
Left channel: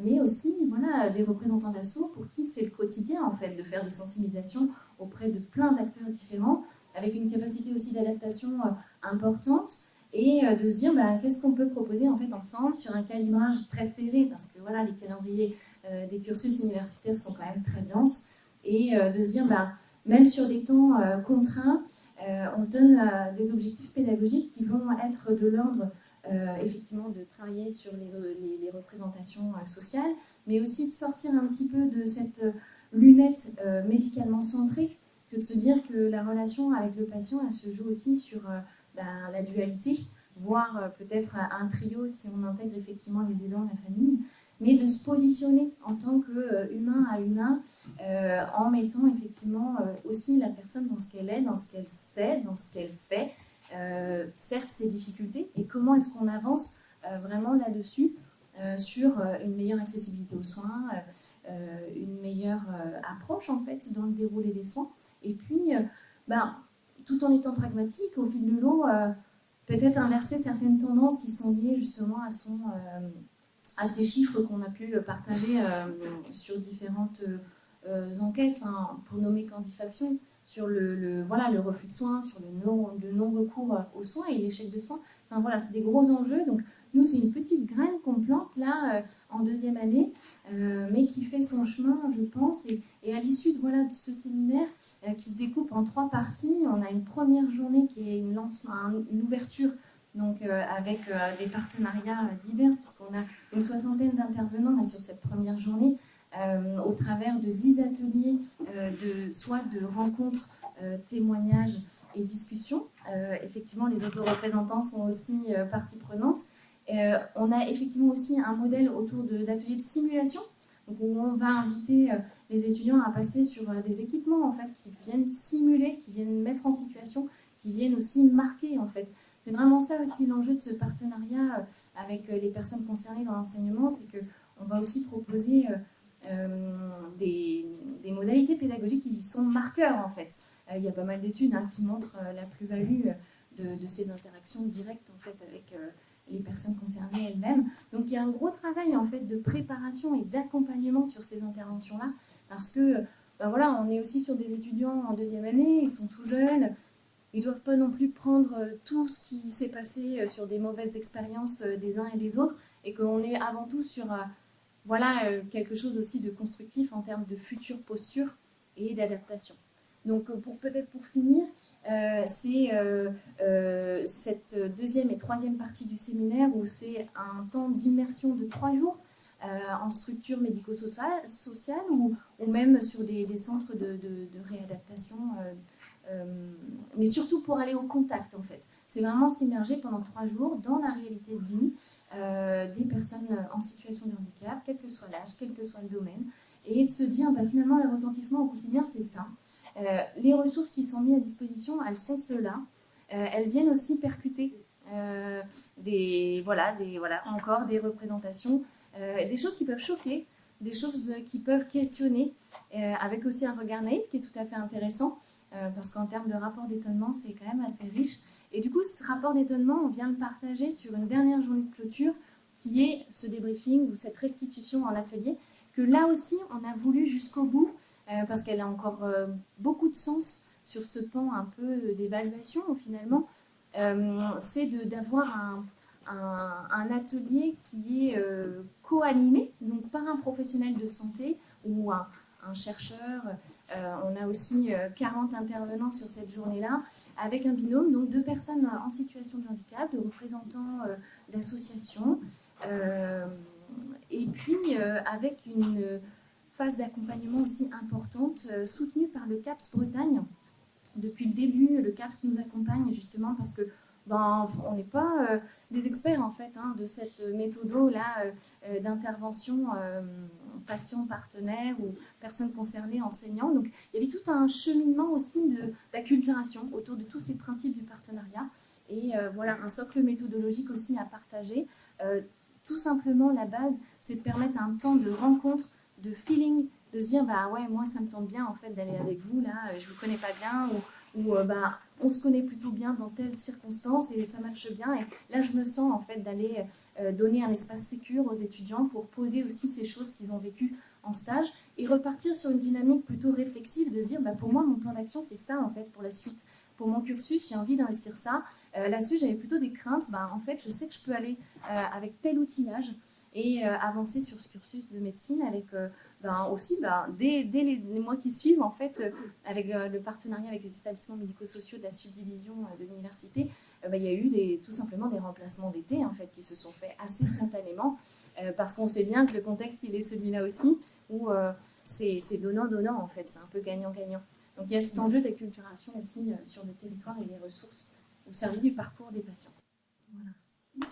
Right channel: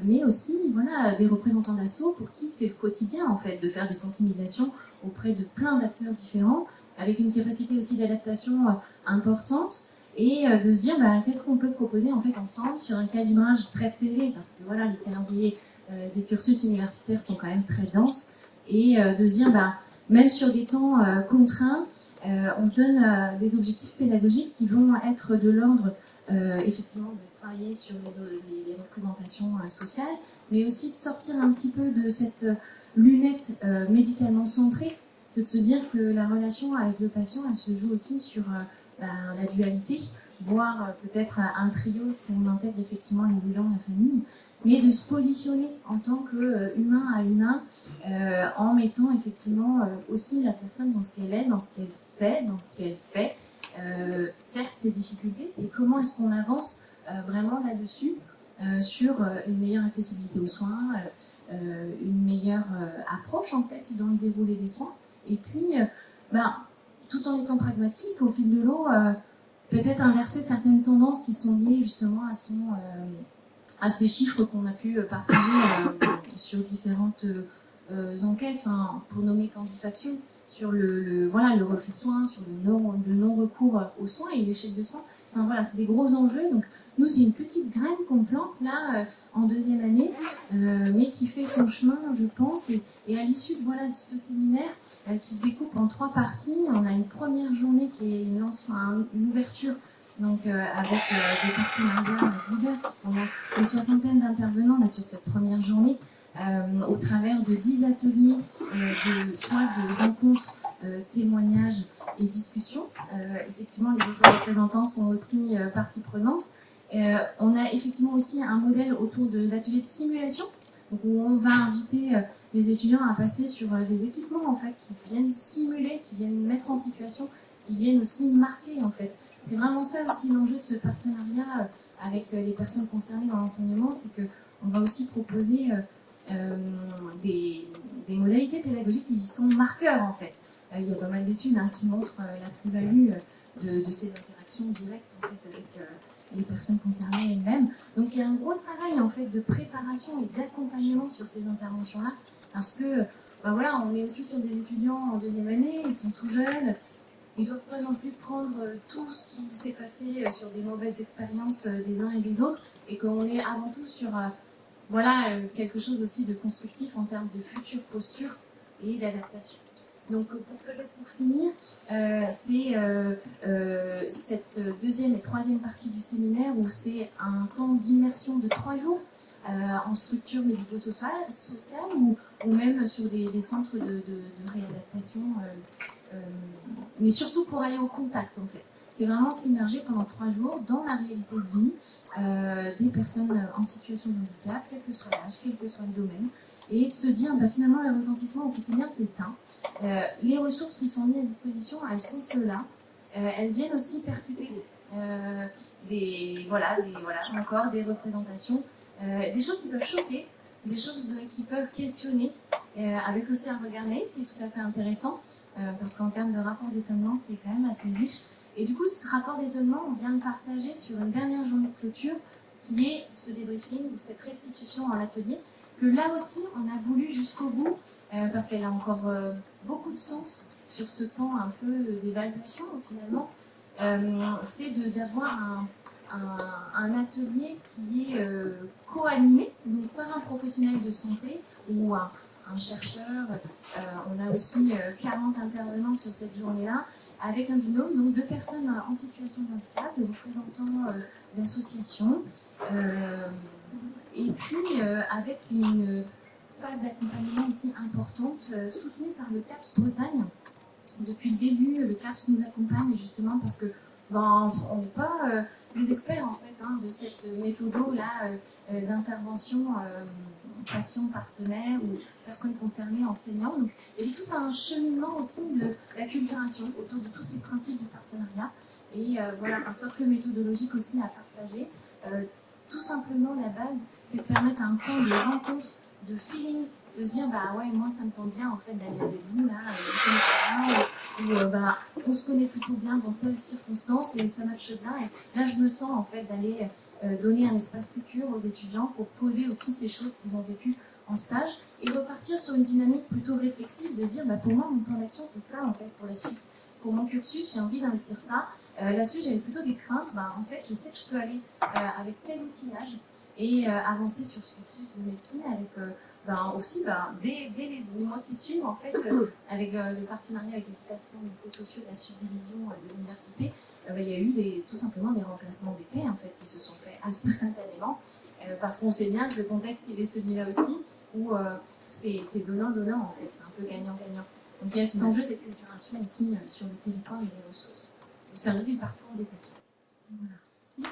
mais aussi des représentants d'asso pour qui c'est le quotidien en fait de faire des sensibilisations auprès de plein d'acteurs différents, avec une capacité aussi d'adaptation importante, et de se dire qu'est-ce qu'on peut proposer en fait ensemble sur un calibrage très serré, parce que les calendriers des cursus universitaires sont quand même très denses, et de se dire, même sur des temps contraints, on donne des objectifs pédagogiques qui vont être de l'ordre effectivement de travailler sur les représentations sociales, mais aussi de sortir un petit peu de cette lunette médicalement centrée, de se dire que la relation avec le patient, elle se joue aussi sur la dualité, voire peut-être un trio si on intègre effectivement les aidants, la famille, mais de se positionner en tant qu'humain à humain, en mettant effectivement aussi la personne dans ce qu'elle est, dans ce qu'elle sait, dans ce qu'elle fait, certes ses difficultés, et comment est-ce qu'on avance vraiment là-dessus, sur une meilleure accessibilité aux soins, une meilleure approche en fait dans le déroulé des soins, et puis tout en étant pragmatique, au fil de l'eau, peut-être inverser certaines tendances qui sont liées justement à ces chiffres qu'on a pu partager sur différentes enquêtes, pour nommer quantification, sur le refus de soins, sur le non-recours aux soins et l'échec de soins. Enfin, voilà, c'est des gros enjeux. Donc, nous, c'est une petite graine qu'on plante là en deuxième année, mais qui fait son chemin, je pense. Et à l'issue de ce séminaire, qui se découpe en 3 parties, on a une première journée qui est une ouverture, donc avec des partenariats divers, puisqu'on a une 60aine d'intervenants sur cette première journée, au travers de 10 ateliers de rencontres, témoignages et discussions. Effectivement, les représentants sont aussi partie prenante. On a effectivement aussi un modèle autour d'ateliers de simulation, où on va inviter les étudiants à passer sur des équipements en fait, qui viennent simuler, qui viennent mettre en situation, qui viennent aussi marquer en fait. C'est vraiment ça aussi l'enjeu de ce partenariat avec les personnes concernées dans l'enseignement, c'est qu'on va aussi proposer des modalités pédagogiques qui sont marqueurs en fait. Il y a pas mal d'études qui montrent la plus-value de ces interactions directes en fait, avec les personnes concernées elles-mêmes. Donc il y a un gros travail en fait de préparation et d'accompagnement sur ces interventions-là, parce que on est aussi sur des étudiants en deuxième année, ils sont tout jeunes, ils ne doivent pas non plus prendre tout ce qui s'est passé sur des mauvaises expériences des uns et des autres, et qu'on est avant tout sur quelque chose aussi de constructif en termes de future posture et d'adaptation. Donc peut-être pour finir, c'est cette deuxième et troisième partie du séminaire où c'est un temps d'immersion de 3 jours en structure médico-sociale ou même sur des centres de réadaptation, mais surtout pour aller au contact en fait. C'est vraiment s'immerger pendant 3 jours dans la réalité de vie des personnes en situation de handicap, quel que soit l'âge, quel que soit le domaine, et de se dire finalement le retentissement au quotidien c'est ça. Les ressources qui sont mises à disposition, elles sont ceux-là. Elles viennent aussi percuter encore des représentations, des choses qui peuvent choquer, des choses qui peuvent questionner, avec aussi un regard naïf qui est tout à fait intéressant, parce qu'en termes de rapport d'étonnement, c'est quand même assez riche. Et du coup, ce rapport d'étonnement, on vient de partager sur une dernière journée de clôture, qui est ce débriefing ou cette restitution en atelier, que là aussi, on a voulu jusqu'au bout, parce qu'elle a encore beaucoup de sens sur ce plan un peu d'évaluation, finalement, c'est d'avoir un atelier qui est co-animé, donc par un professionnel de santé ou un chercheur. On a aussi 40 intervenants sur cette journée-là, avec un binôme, donc 2 personnes en situation de handicap, de représentants d'associations, et puis avec une phase d'accompagnement aussi importante, soutenue par le CAPS Bretagne. Depuis le début, le CAPS nous accompagne justement parce que on n'est pas des experts en fait de cette méthode-là d'intervention patients partenaires ou personnes concernées, enseignants. Donc il y avait tout un cheminement aussi d'acculturation autour de tous ces principes du partenariat et un socle méthodologique aussi à partager. Tout simplement la base, c'est de permettre un temps de rencontre, de feeling, de se dire moi ça me tente bien en fait d'aller avec vous là, on se connaît plutôt bien dans telle circonstance et ça marche bien et là je me sens en fait d'aller donner un espace sécure aux étudiants pour poser aussi ces choses qu'ils ont vécues en stage et repartir sur une dynamique plutôt réflexive de se dire pour moi mon plan d'action c'est ça en fait pour la suite. Pour mon cursus, j'ai envie d'investir ça. Là-dessus, j'avais plutôt des craintes. En fait, je sais que je peux aller avec tel outillage et avancer sur ce cursus de médecine avec dès les mois qui suivent, en fait, avec le partenariat avec les établissements médico-sociaux de la subdivision de l'université, il y a eu tout simplement des remplacements d'été en fait, qui se sont faits assez spontanément, parce qu'on sait bien que le contexte il est celui-là aussi, où c'est donnant-donnant en fait, c'est un peu gagnant-gagnant. Donc il y a cet enjeu d'équilibration aussi sur le territoire et les ressources, au service du parcours des patients. Merci.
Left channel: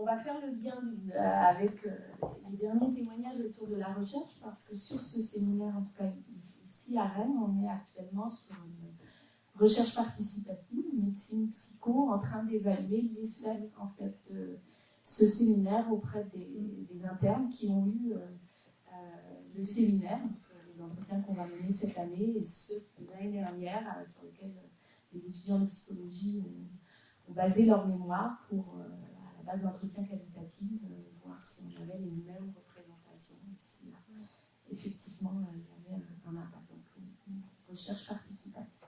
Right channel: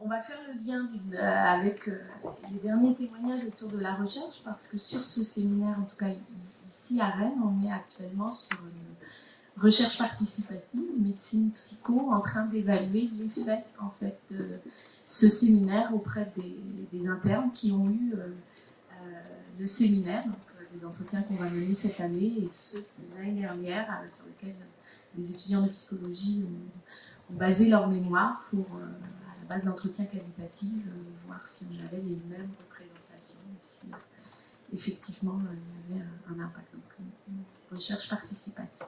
On va faire le lien avec les derniers témoignages autour de la recherche, parce que sur ce séminaire, en tout cas ici à Rennes, on est actuellement sur une recherche participative, médecine psycho, en train d'évaluer l'effet en fait, de ce séminaire auprès des internes qui ont eu le séminaire, donc les entretiens qu'on va mener cette année et ceux de l'année dernière sur lesquels les étudiants de psychologie ont basé leur mémoire pour, à la base d'entretien qualitatif, voir si on avait les mêmes représentations, si effectivement il y avait un impact. Donc une recherche participative.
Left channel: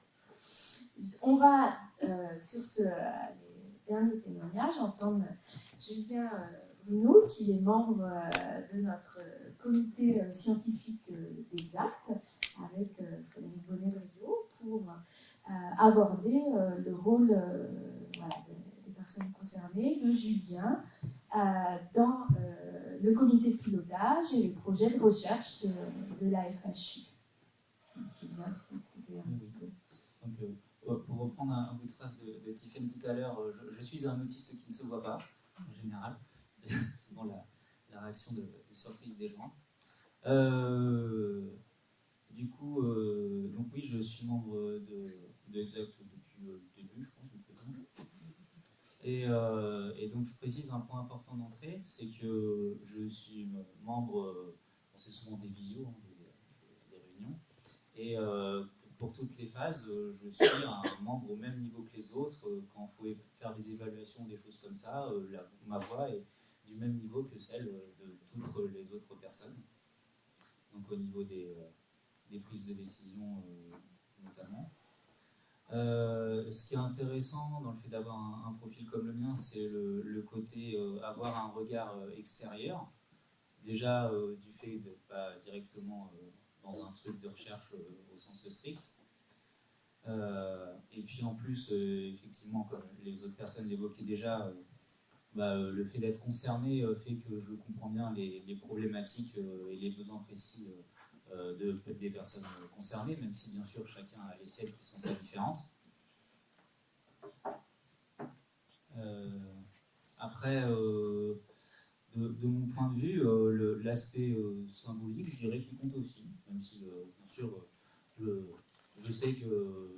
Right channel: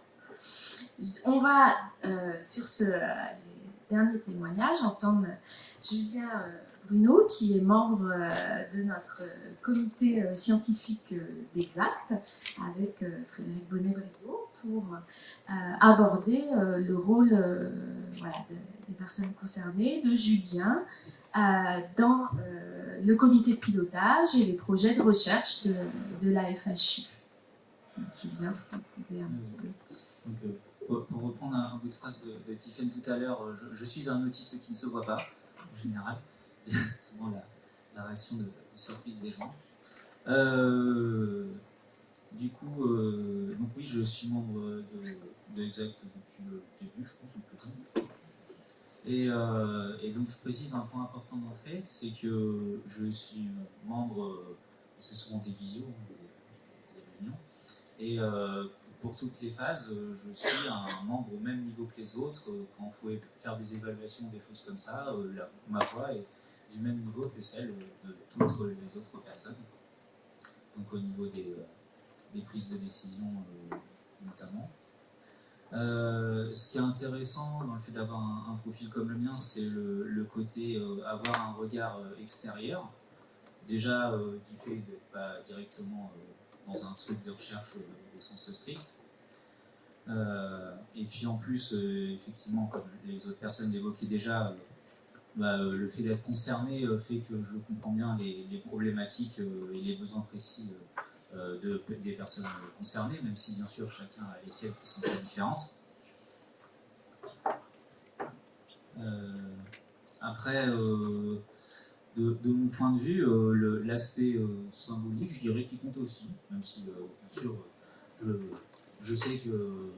On va, sur les derniers témoignages, entendre Julien Bruno, qui est membre de notre comité scientifique d'Exact, avec Frédéric Bonnet-Briot, pour aborder le rôle des personnes concernées, de Julien, dans le comité de pilotage et les projets de recherche de la FHU. Julien, si vous pouvez un petit peu. Donc, pour reprendre un bout de phrase de Tiffany tout à l'heure, je suis un autiste qui ne se voit pas, en général. C'est souvent la réaction de surprise des gens. Du coup, donc oui, je suis membre de Exact depuis le début, je pense, depuis le temps. Et donc, je précise un point important d'entrée, c'est que je suis membre, ce sont des visios, des réunions, et pour toutes les phases, je suis un membre au même niveau que les autres. Quand il faut faire des évaluations, des choses comme ça, ma voix est du même niveau que celle de toutes les autres personnes. Donc au niveau des prises de décision notamment. Ce qui est intéressant dans le fait d'avoir un profil comme le mien, c'est le côté avoir un regard extérieur. Déjà du fait d'être pas directement dans un truc de recherche au sens strict. Et puis en plus, effectivement, comme les autres personnes l'évoquaient déjà, le fait d'être concerné fait que je comprends bien les problématiques et les besoins précis des personnes concernées, même si bien sûr chacun a les siennes qui sont très différentes. Après, de mon point de vue, l'aspect symbolique, je dirais qu'il compte aussi, même si bien sûr je sais que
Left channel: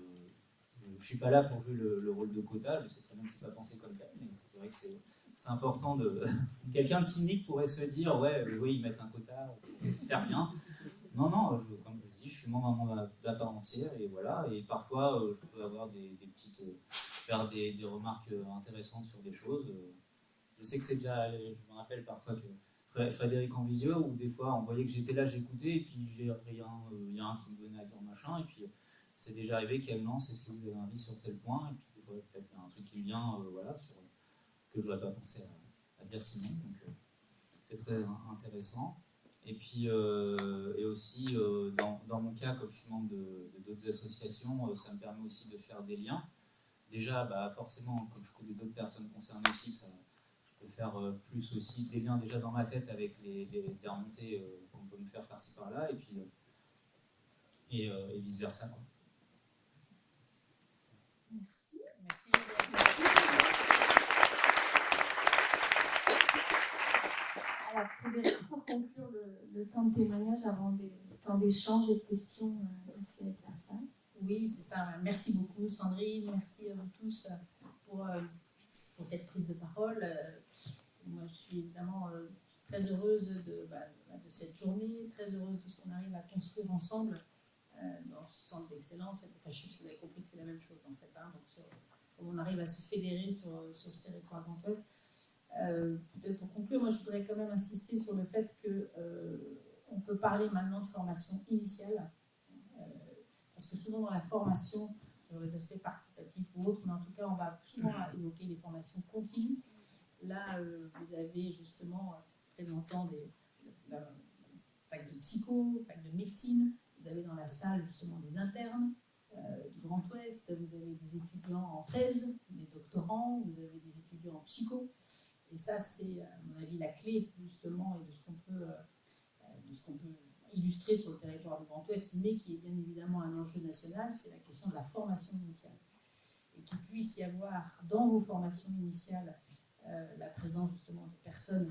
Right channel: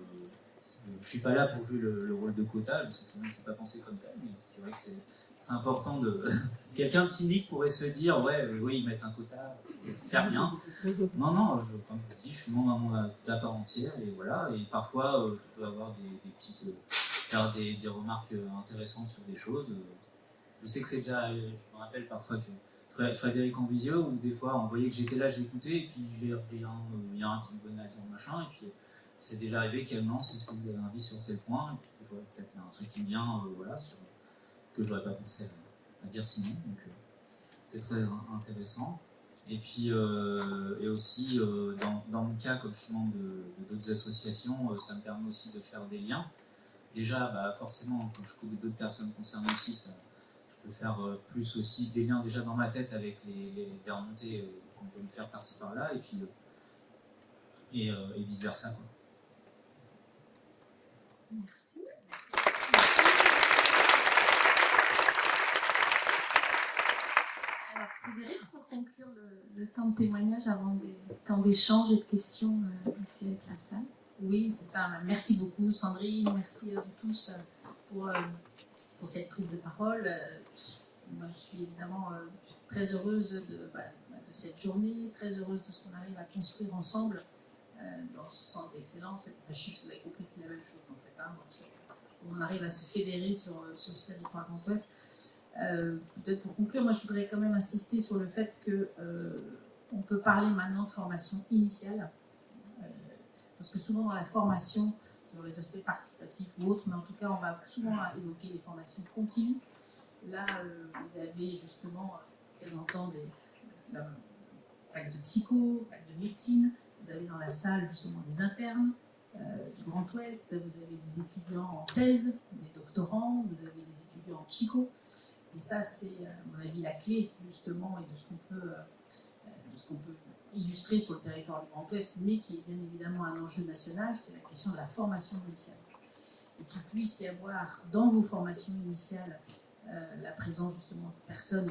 je ne suis pas là pour jouer le rôle de quota, je sais que c'est pas pensé comme tel, mais c'est vrai que c'est important de. Quelqu'un de cynique pourrait se dire ouais, oui, ils mettent un quota, faire rien. Non, comme je dis, je suis membre à part entière, et voilà, et parfois je peux avoir faire des remarques intéressantes sur des choses. Je sais que c'est déjà, je me rappelle parfois que Frédéric en visio, où des fois on voyait que j'étais là, j'écoutais, et puis il y a un qui me donnait ton machin, et puis c'est déjà arrivé qu'elle lance, est-ce que vous avez un avis sur tel point, et puis des fois peut-être il y a un truc qui vient, que je n'aurais pas pensé à dire sinon, donc c'est très intéressant. Et puis et aussi dans mon cas, comme je suis membre de d'autres associations, ça me permet aussi de faire des liens. Déjà, forcément, quand je trouve d'autres personnes concernées aussi, je peux faire plus aussi des liens déjà dans ma tête avec les remontées qu'on peut me faire par-ci par-là, et puis et vice-versa. Merci. Alors, Frédéric, pour conclure le temps de témoignage avant des temps d'échange et de questions ici avec la salle. Oui, c'est ça. Merci beaucoup, Sandrine. Merci à vous tous pour cette prise de parole. Moi, je suis évidemment très heureuse de cette journée, très heureuse de ce qu'on arrive à construire ensemble dans ce centre d'excellence. Je suis vous avez compris que c'est la même chose en fait. Donc, on arrive à se fédérer sur ce territoire Grand Ouest. Peut-être pour conclure, moi je voudrais quand même insister sur le fait qu'on peut parler maintenant de formation initiale. Parce que souvent dans la formation sur les aspects participatifs ou autres, mais en tout cas, on va souvent évoquer les formations continues. Là, vous avez justement présentant des facs de psycho, facs de médecine, vous avez dans la salle justement des internes du Grand Ouest, vous avez des étudiants en thèse, des doctorants, vous avez des étudiants en psycho. Et ça, c'est, à mon avis, la clé justement et de ce qu'on peut illustrer sur le territoire du Grand Ouest, mais qui est bien évidemment un enjeu national, c'est la question de la formation initiale. Et qu'il puisse y avoir dans vos formations initiales la présence justement de personnes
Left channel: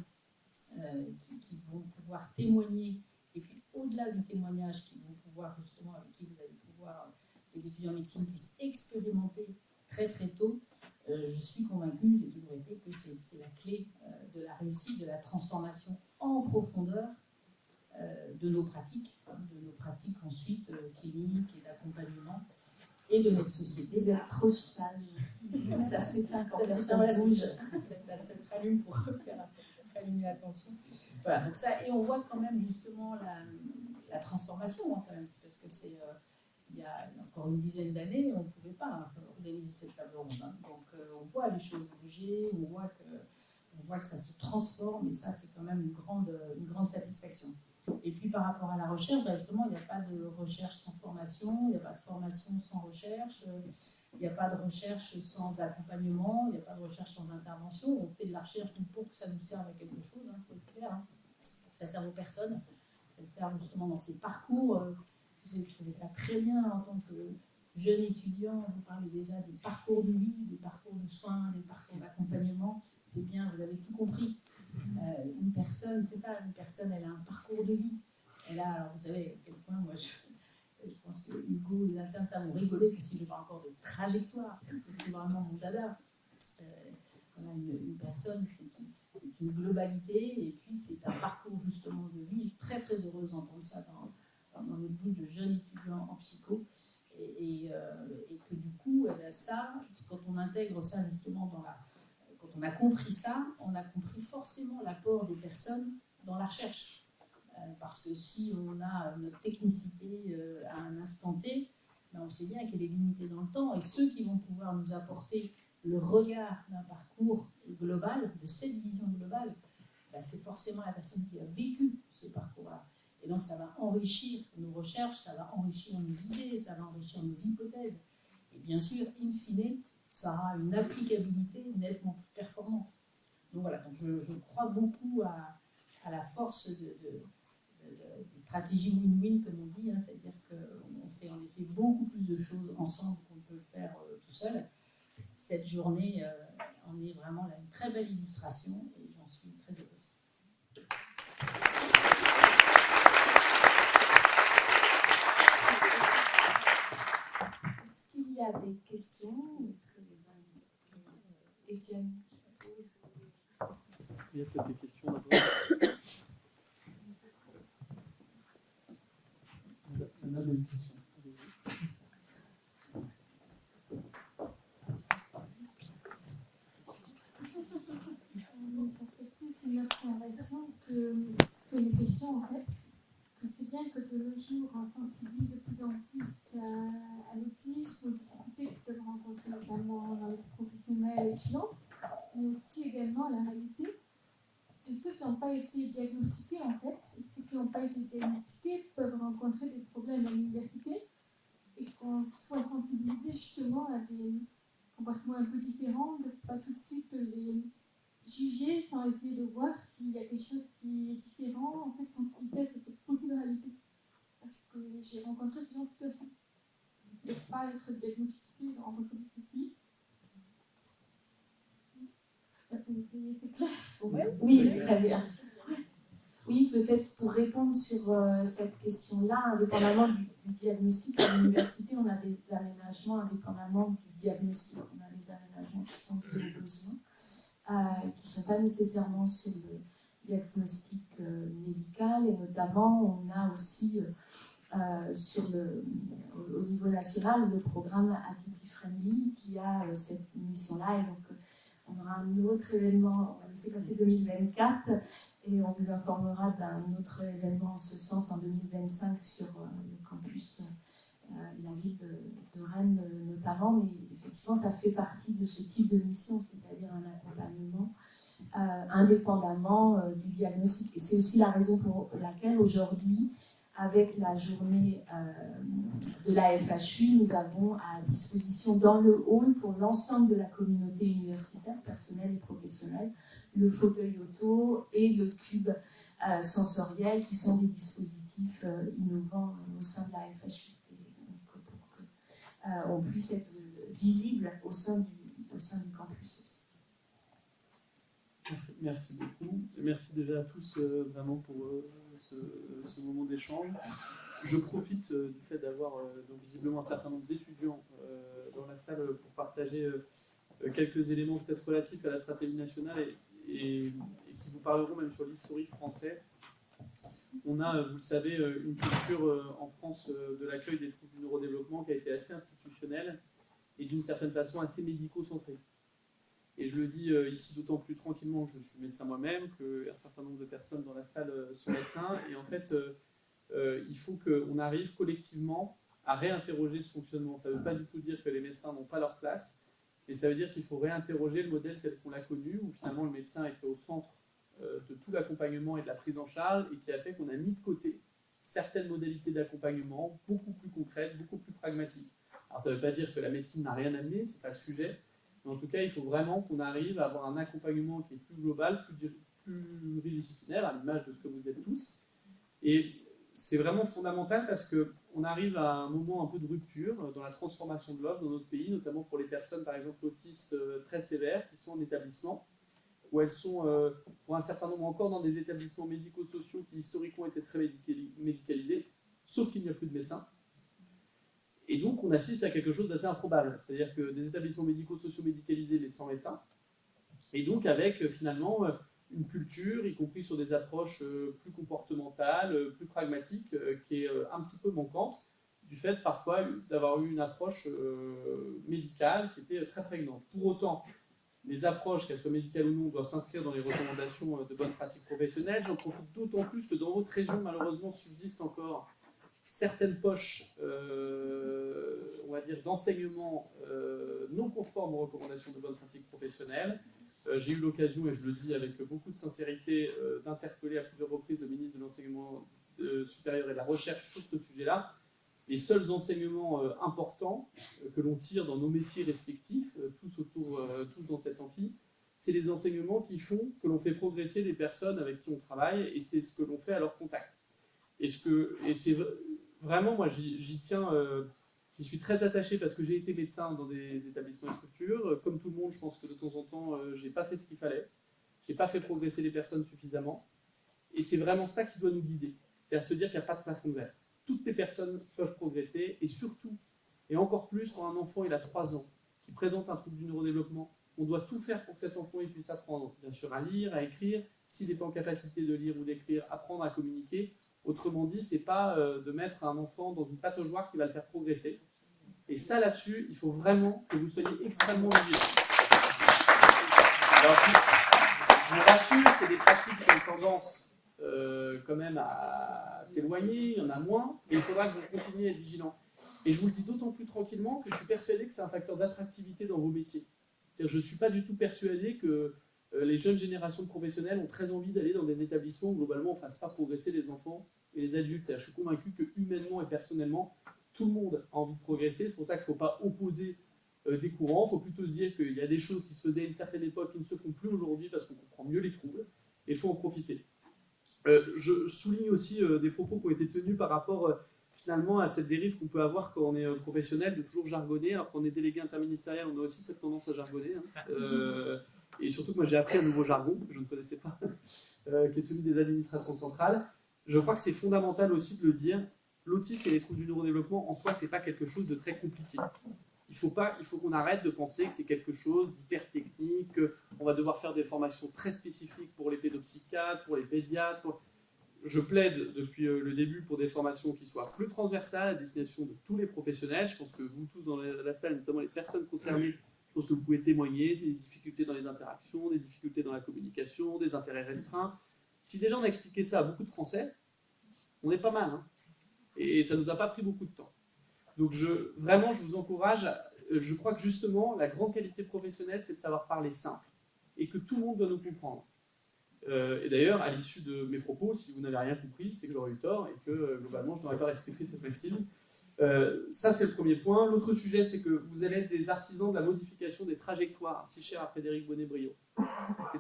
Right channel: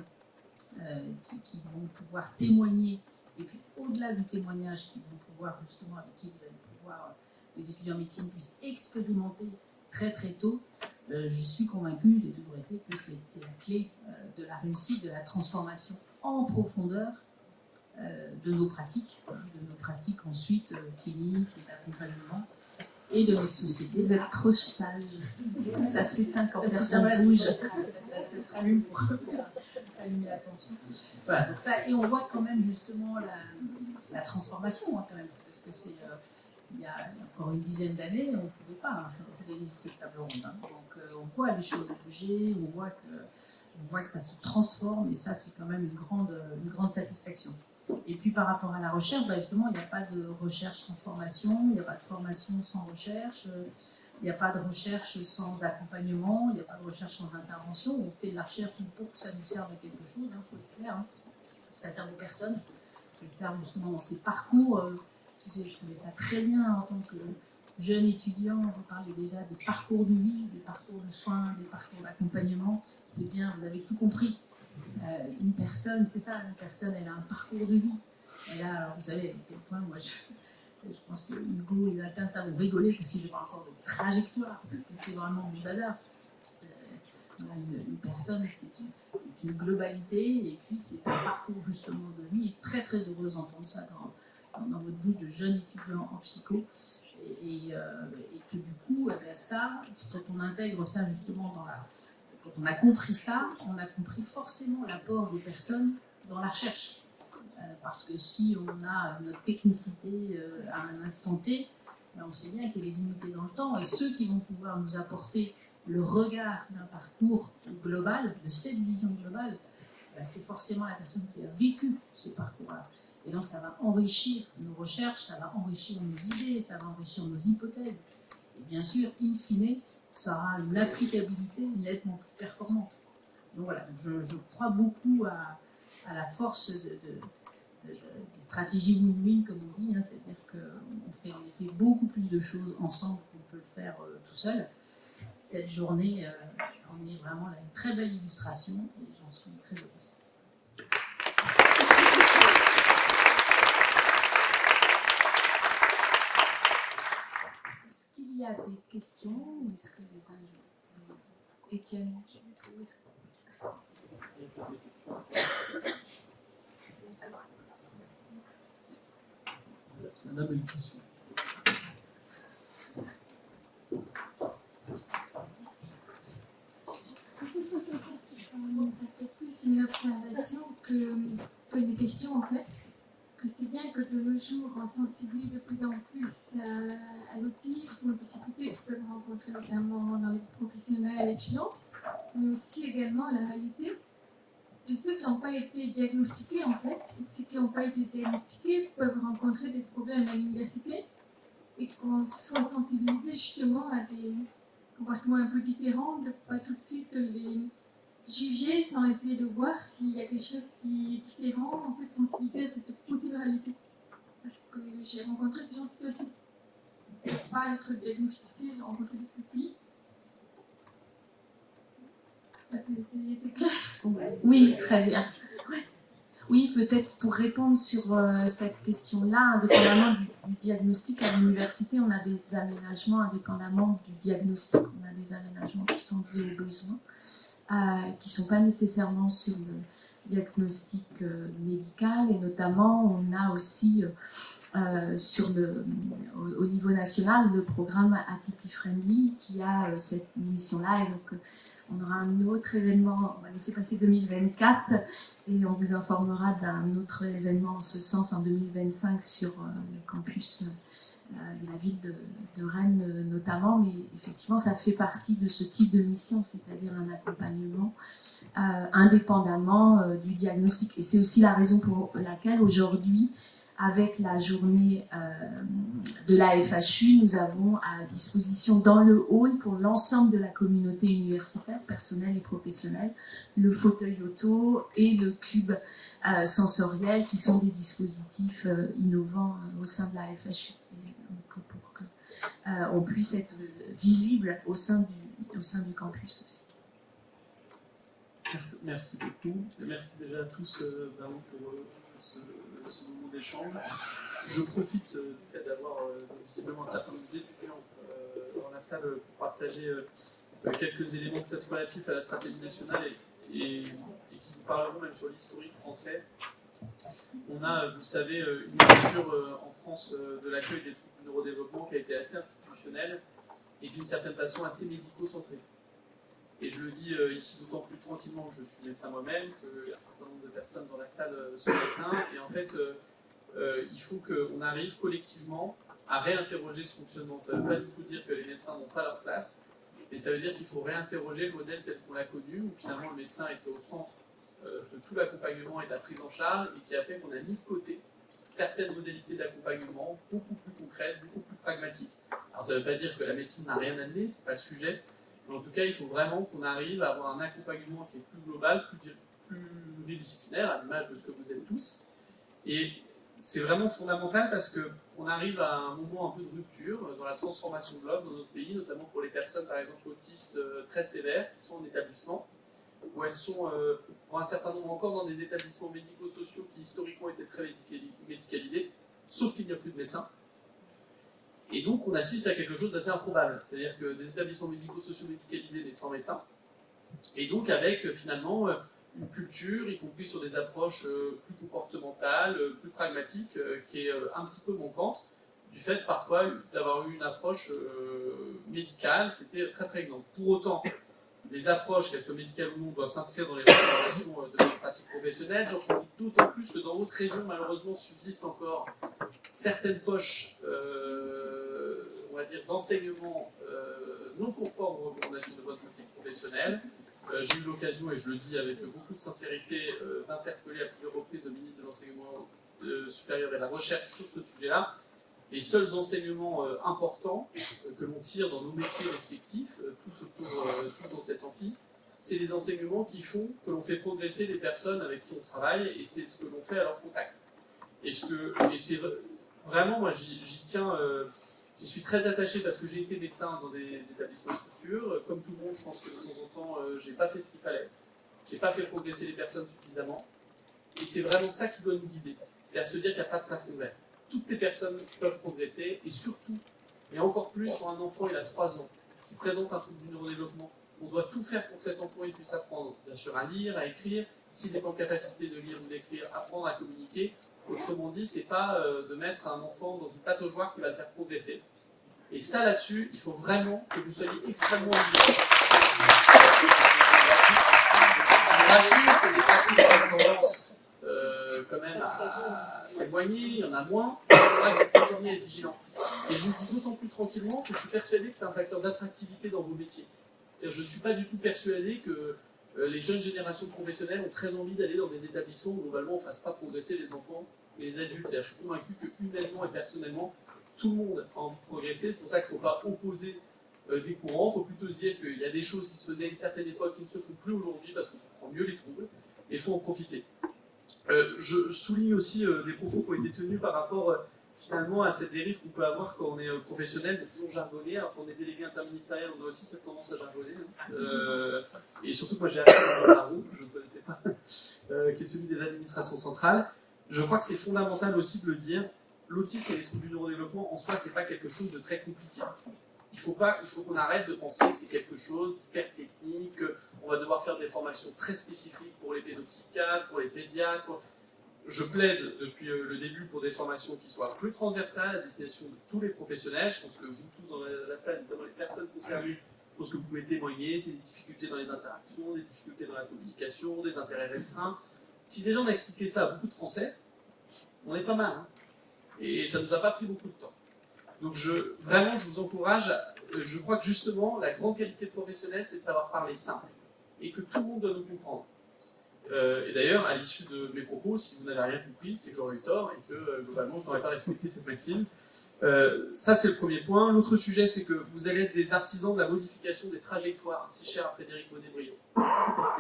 qui vont pouvoir témoigner, et puis au-delà du témoignage, qui vont pouvoir justement, avec qui vous allez pouvoir, les étudiants en médecine puissent expérimenter très très tôt. Je suis convaincue, je l'ai toujours été, que c'est la clé de la réussite, de la transformation en profondeur de nos pratiques ensuite cliniques, d'accompagnement, et de notre société. Vous êtes trop sage. Ça s'éteint quand personne bouge. Ça s'allume pour faire allumer l'attention. Voilà, donc ça, et on voit quand même justement la transformation, hein, quand même, parce que c'est il y a encore une dizaine d'années, on ne pouvait pas organiser cette table ronde. Hein. Donc on voit les choses bouger, on voit que ça se transforme, et ça c'est quand même une grande satisfaction. Et puis par rapport à la recherche, bah, justement, il n'y a pas de recherche sans formation, il n'y a pas de formation sans recherche, il n'y a pas de recherche sans accompagnement, il n'y a pas de recherche sans intervention. On fait de la recherche pour que ça nous serve à quelque chose, il faut être clair. Hein. Ça sert aux personnes, ça sert justement dans ces parcours. Je trouvais ça très bien en tant que jeune étudiant, vous parlez déjà des parcours de vie, des parcours de soins, des parcours d'accompagnement. C'est bien, vous avez tout compris. Une personne, c'est ça, une personne, elle a un parcours de vie. Et là, alors, vous savez, à quel point, moi, je pense que Hugo et Nathan, ça vous rigolez, que si je parle encore de trajectoire, parce que c'est vraiment mon dada. Une personne, c'est une globalité, et puis c'est un parcours justement de vie. Très très heureuse d'entendre ça dans votre bouche de jeunes étudiants en psycho. Et que du coup, ça, quand on intègre ça justement dans la. Quand on a compris ça, on a compris forcément l'apport des personnes dans la recherche. Parce que si on a notre technicité à un instant T, on sait bien qu'elle est limitée dans le temps, et ceux qui vont pouvoir nous apporter le regard d'un parcours global, de cette vision globale, c'est forcément la personne qui a vécu ce parcours-là. Et donc ça va enrichir nos recherches, ça va enrichir nos idées, ça va enrichir nos hypothèses. Et bien sûr, in fine, ça aura une applicabilité nettement plus performante. Donc voilà, je crois beaucoup à la force des stratégies win-win, comme on dit, hein, c'est-à-dire qu'on fait en effet beaucoup plus de choses ensemble qu'on peut le faire tout seul. Cette journée en est vraiment une très belle illustration, et j'en suis très heureuse. Est-ce qu'il y a des questions? Est-ce que les invités Étienne? Il y a peut-être des questions. On a une question. Ça fait plus une observation qu'une question en fait. Que c'est bien que de nos jours on sensibilise de plus en plus à l'autisme, aux difficultés que peuvent rencontrer notamment dans les professionnels étudiants, mais aussi également la réalité de ceux qui n'ont pas été diagnostiqués en fait. Et ceux qui n'ont pas été diagnostiqués peuvent rencontrer des problèmes à l'université et qu'on soit sensibilisé justement à des comportements un peu différents, de ne pas tout de suite les juger sans essayer de voir s'il y a quelque chose qui est différent, en fait sensibiliser à cette possible réalité. Parce que j'ai rencontré des gens en situation de ne pas être diagnostiqués, j'ai rencontré des soucis. C'est clair? Oui, très bien. Oui, peut-être pour répondre sur cette question-là, indépendamment du diagnostic à l'université, on a des aménagements indépendamment du diagnostic. On a des aménagements qui sont liés aux besoins, qui ne sont pas nécessairement sur le diagnostic médical, et notamment on a aussi au niveau national le programme Atypie Friendly qui a cette mission-là, et donc on aura un autre événement, on va laisser passer 2024 et on vous informera d'un autre événement en ce sens en 2025 sur le campus, la ville de de Rennes notamment, mais effectivement ça fait partie de ce type de mission, c'est-à-dire un accompagnement indépendamment du diagnostic. Et c'est aussi la raison pour laquelle aujourd'hui, avec la journée de la FHU, nous avons à disposition dans le hall pour l'ensemble de la communauté universitaire, personnelle et professionnelle, le fauteuil auto et le cube sensoriel qui sont des dispositifs innovants au sein de la FHU. Et donc, pour qu'on puisse être visible au sein du campus aussi. Merci beaucoup. Merci déjà à tous vraiment pour ce moment d'échange. Je profite du fait d'avoir visiblement un certain nombre d'étudiants dans la salle pour partager quelques éléments peut-être relatifs à la stratégie nationale et qui vous parleront même sur l'historique français. On a, vous le savez, une culture en France de l'accueil des troubles du neurodéveloppement qui a été assez institutionnelle et d'une certaine façon assez médico-centrée. Et je le dis ici d'autant plus tranquillement que je suis médecin moi-même, qu'un certain nombre de personnes dans la salle sont médecins. Et en fait, il faut qu'on arrive collectivement à réinterroger ce fonctionnement. Ça ne veut pas du tout dire que les médecins n'ont pas leur place, mais ça veut dire qu'il faut réinterroger le modèle tel qu'on l'a connu, où finalement le médecin était au centre de tout l'accompagnement et de la prise en charge, et qui a fait qu'on a mis de côté certaines modalités d'accompagnement beaucoup plus concrètes, beaucoup plus pragmatiques. Alors ça ne veut pas dire que la médecine n'a rien amené, ce n'est pas le sujet. Mais en tout cas, il faut vraiment qu'on arrive à avoir un accompagnement qui est plus global, plus pluridisciplinaire, à l'image de ce que vous êtes tous. Et c'est vraiment fondamental parce qu'on arrive à un moment un peu de rupture dans la transformation de l'homme dans notre pays, notamment pour les personnes, par exemple, autistes très sévères, qui sont en établissement, où elles sont, pour un certain nombre, encore dans des établissements médico-sociaux qui historiquement étaient très médicalisés, sauf qu'il n'y a plus de médecins. Et donc, on assiste à quelque chose d'assez improbable, c'est-à-dire que des établissements médico-sociaux médicalisés mais sans médecins, et donc avec finalement une culture, y compris sur des approches plus comportementales, plus pragmatiques, qui est un petit peu manquante, du fait parfois d'avoir eu une approche médicale qui était très prégnante. Pour autant, les approches, qu'elles soient médicales ou non, doivent s'inscrire dans les recommandations de nos pratiques professionnelles. J'en profite d'autant plus que dans votre région, malheureusement, subsistent encore certaines poches, on va dire, d'enseignement non conformes aux recommandations de votre pratique professionnelle. J'ai eu l'occasion, et je le dis avec beaucoup de sincérité, d'interpeller à plusieurs reprises le ministre de l'Enseignement supérieur et de la Recherche sur ce sujet-là. Les seuls enseignements importants que l'on tire dans nos métiers respectifs, tous dans cet amphi, c'est des enseignements qui font que l'on fait progresser les personnes avec qui on travaille, et c'est ce que l'on fait à leur contact. Et c'est vraiment, moi, j'y tiens, j'y suis très attaché parce que j'ai été médecin dans des établissements et structures. Comme tout le monde, je pense que de temps en temps, j'ai pas fait ce qu'il fallait. J'ai pas fait progresser les personnes suffisamment. Et c'est vraiment ça qui doit nous guider. C'est-à-dire se dire qu'il n'y a pas de plafond vert. Toutes les personnes peuvent progresser, et surtout, et encore plus quand un enfant il a 3 ans, qui présente un trouble du neurodéveloppement, on doit tout faire pour que cet enfant il puisse apprendre, bien sûr, à lire, à écrire, s'il n'est pas en capacité de lire ou d'écrire, apprendre à communiquer. Autrement dit, c'est pas de mettre un enfant dans une pataugeoire qui va le faire progresser. Et ça, là-dessus, il faut vraiment que vous soyez extrêmement vigilants. Je vous rassure, c'est des pratiques qui commencent quand même à s'éloigner, il y en a moins, il faudra que vous continuiez à être vigilants. Et je vous le dis d'autant plus tranquillement que je suis persuadé que c'est un facteur d'attractivité dans vos métiers. Je ne suis pas du tout persuadé que les jeunes générations professionnelles ont très envie d'aller dans des établissements où globalement on ne fasse pas progresser les enfants et les adultes. Je suis convaincu que humainement et personnellement, tout le monde a envie de progresser. C'est pour ça qu'il ne faut pas opposer des courants. Il faut plutôt se dire qu'il y a des choses qui se faisaient à une certaine époque qui ne se font plus aujourd'hui parce qu'on comprend mieux les troubles et il faut en profiter. Je souligne aussi des propos qui ont été tenus par rapport finalement à cette dérive qu'on peut avoir quand on est professionnel, de toujours jargonner. Alors qu'on est délégué interministériel, on a aussi cette tendance à jargonner. Et surtout, moi j'ai appris au niveau Barreau, je ne connaissais pas, qui est celui des administrations centrales. Je crois que c'est fondamental aussi de le dire. L'autisme et les troubles du neurodéveloppement, en soi, c'est pas quelque chose de très compliqué. Il faut qu'on arrête de penser que c'est quelque chose d'hyper technique, on va devoir faire des formations très spécifiques pour les pédopsychiatres, pour les pédiatres. Je plaide depuis le début pour des formations qui soient plus transversales à destination de tous les professionnels. Je pense que vous tous dans la salle, notamment les personnes concernées, je pense que vous pouvez témoigner, c'est des difficultés dans les interactions, des difficultés dans la communication, des intérêts restreints. Si déjà on a expliqué ça à beaucoup de Français, on est pas mal. Hein. Et ça ne nous a pas pris beaucoup de temps. Donc vraiment, je vous encourage, je crois que justement, la grande qualité de professionnel, c'est de savoir parler simple, et que tout le monde doit nous comprendre. Et d'ailleurs, à l'issue de mes propos, si vous n'avez rien compris, c'est que j'aurais eu tort, et que globalement, je n'aurais pas respecté cette maxime. Ça, c'est le premier point. L'autre sujet, c'est que vous allez être des artisans de la modification des trajectoires, c'est cher à Frédéric Bonnet-Briand.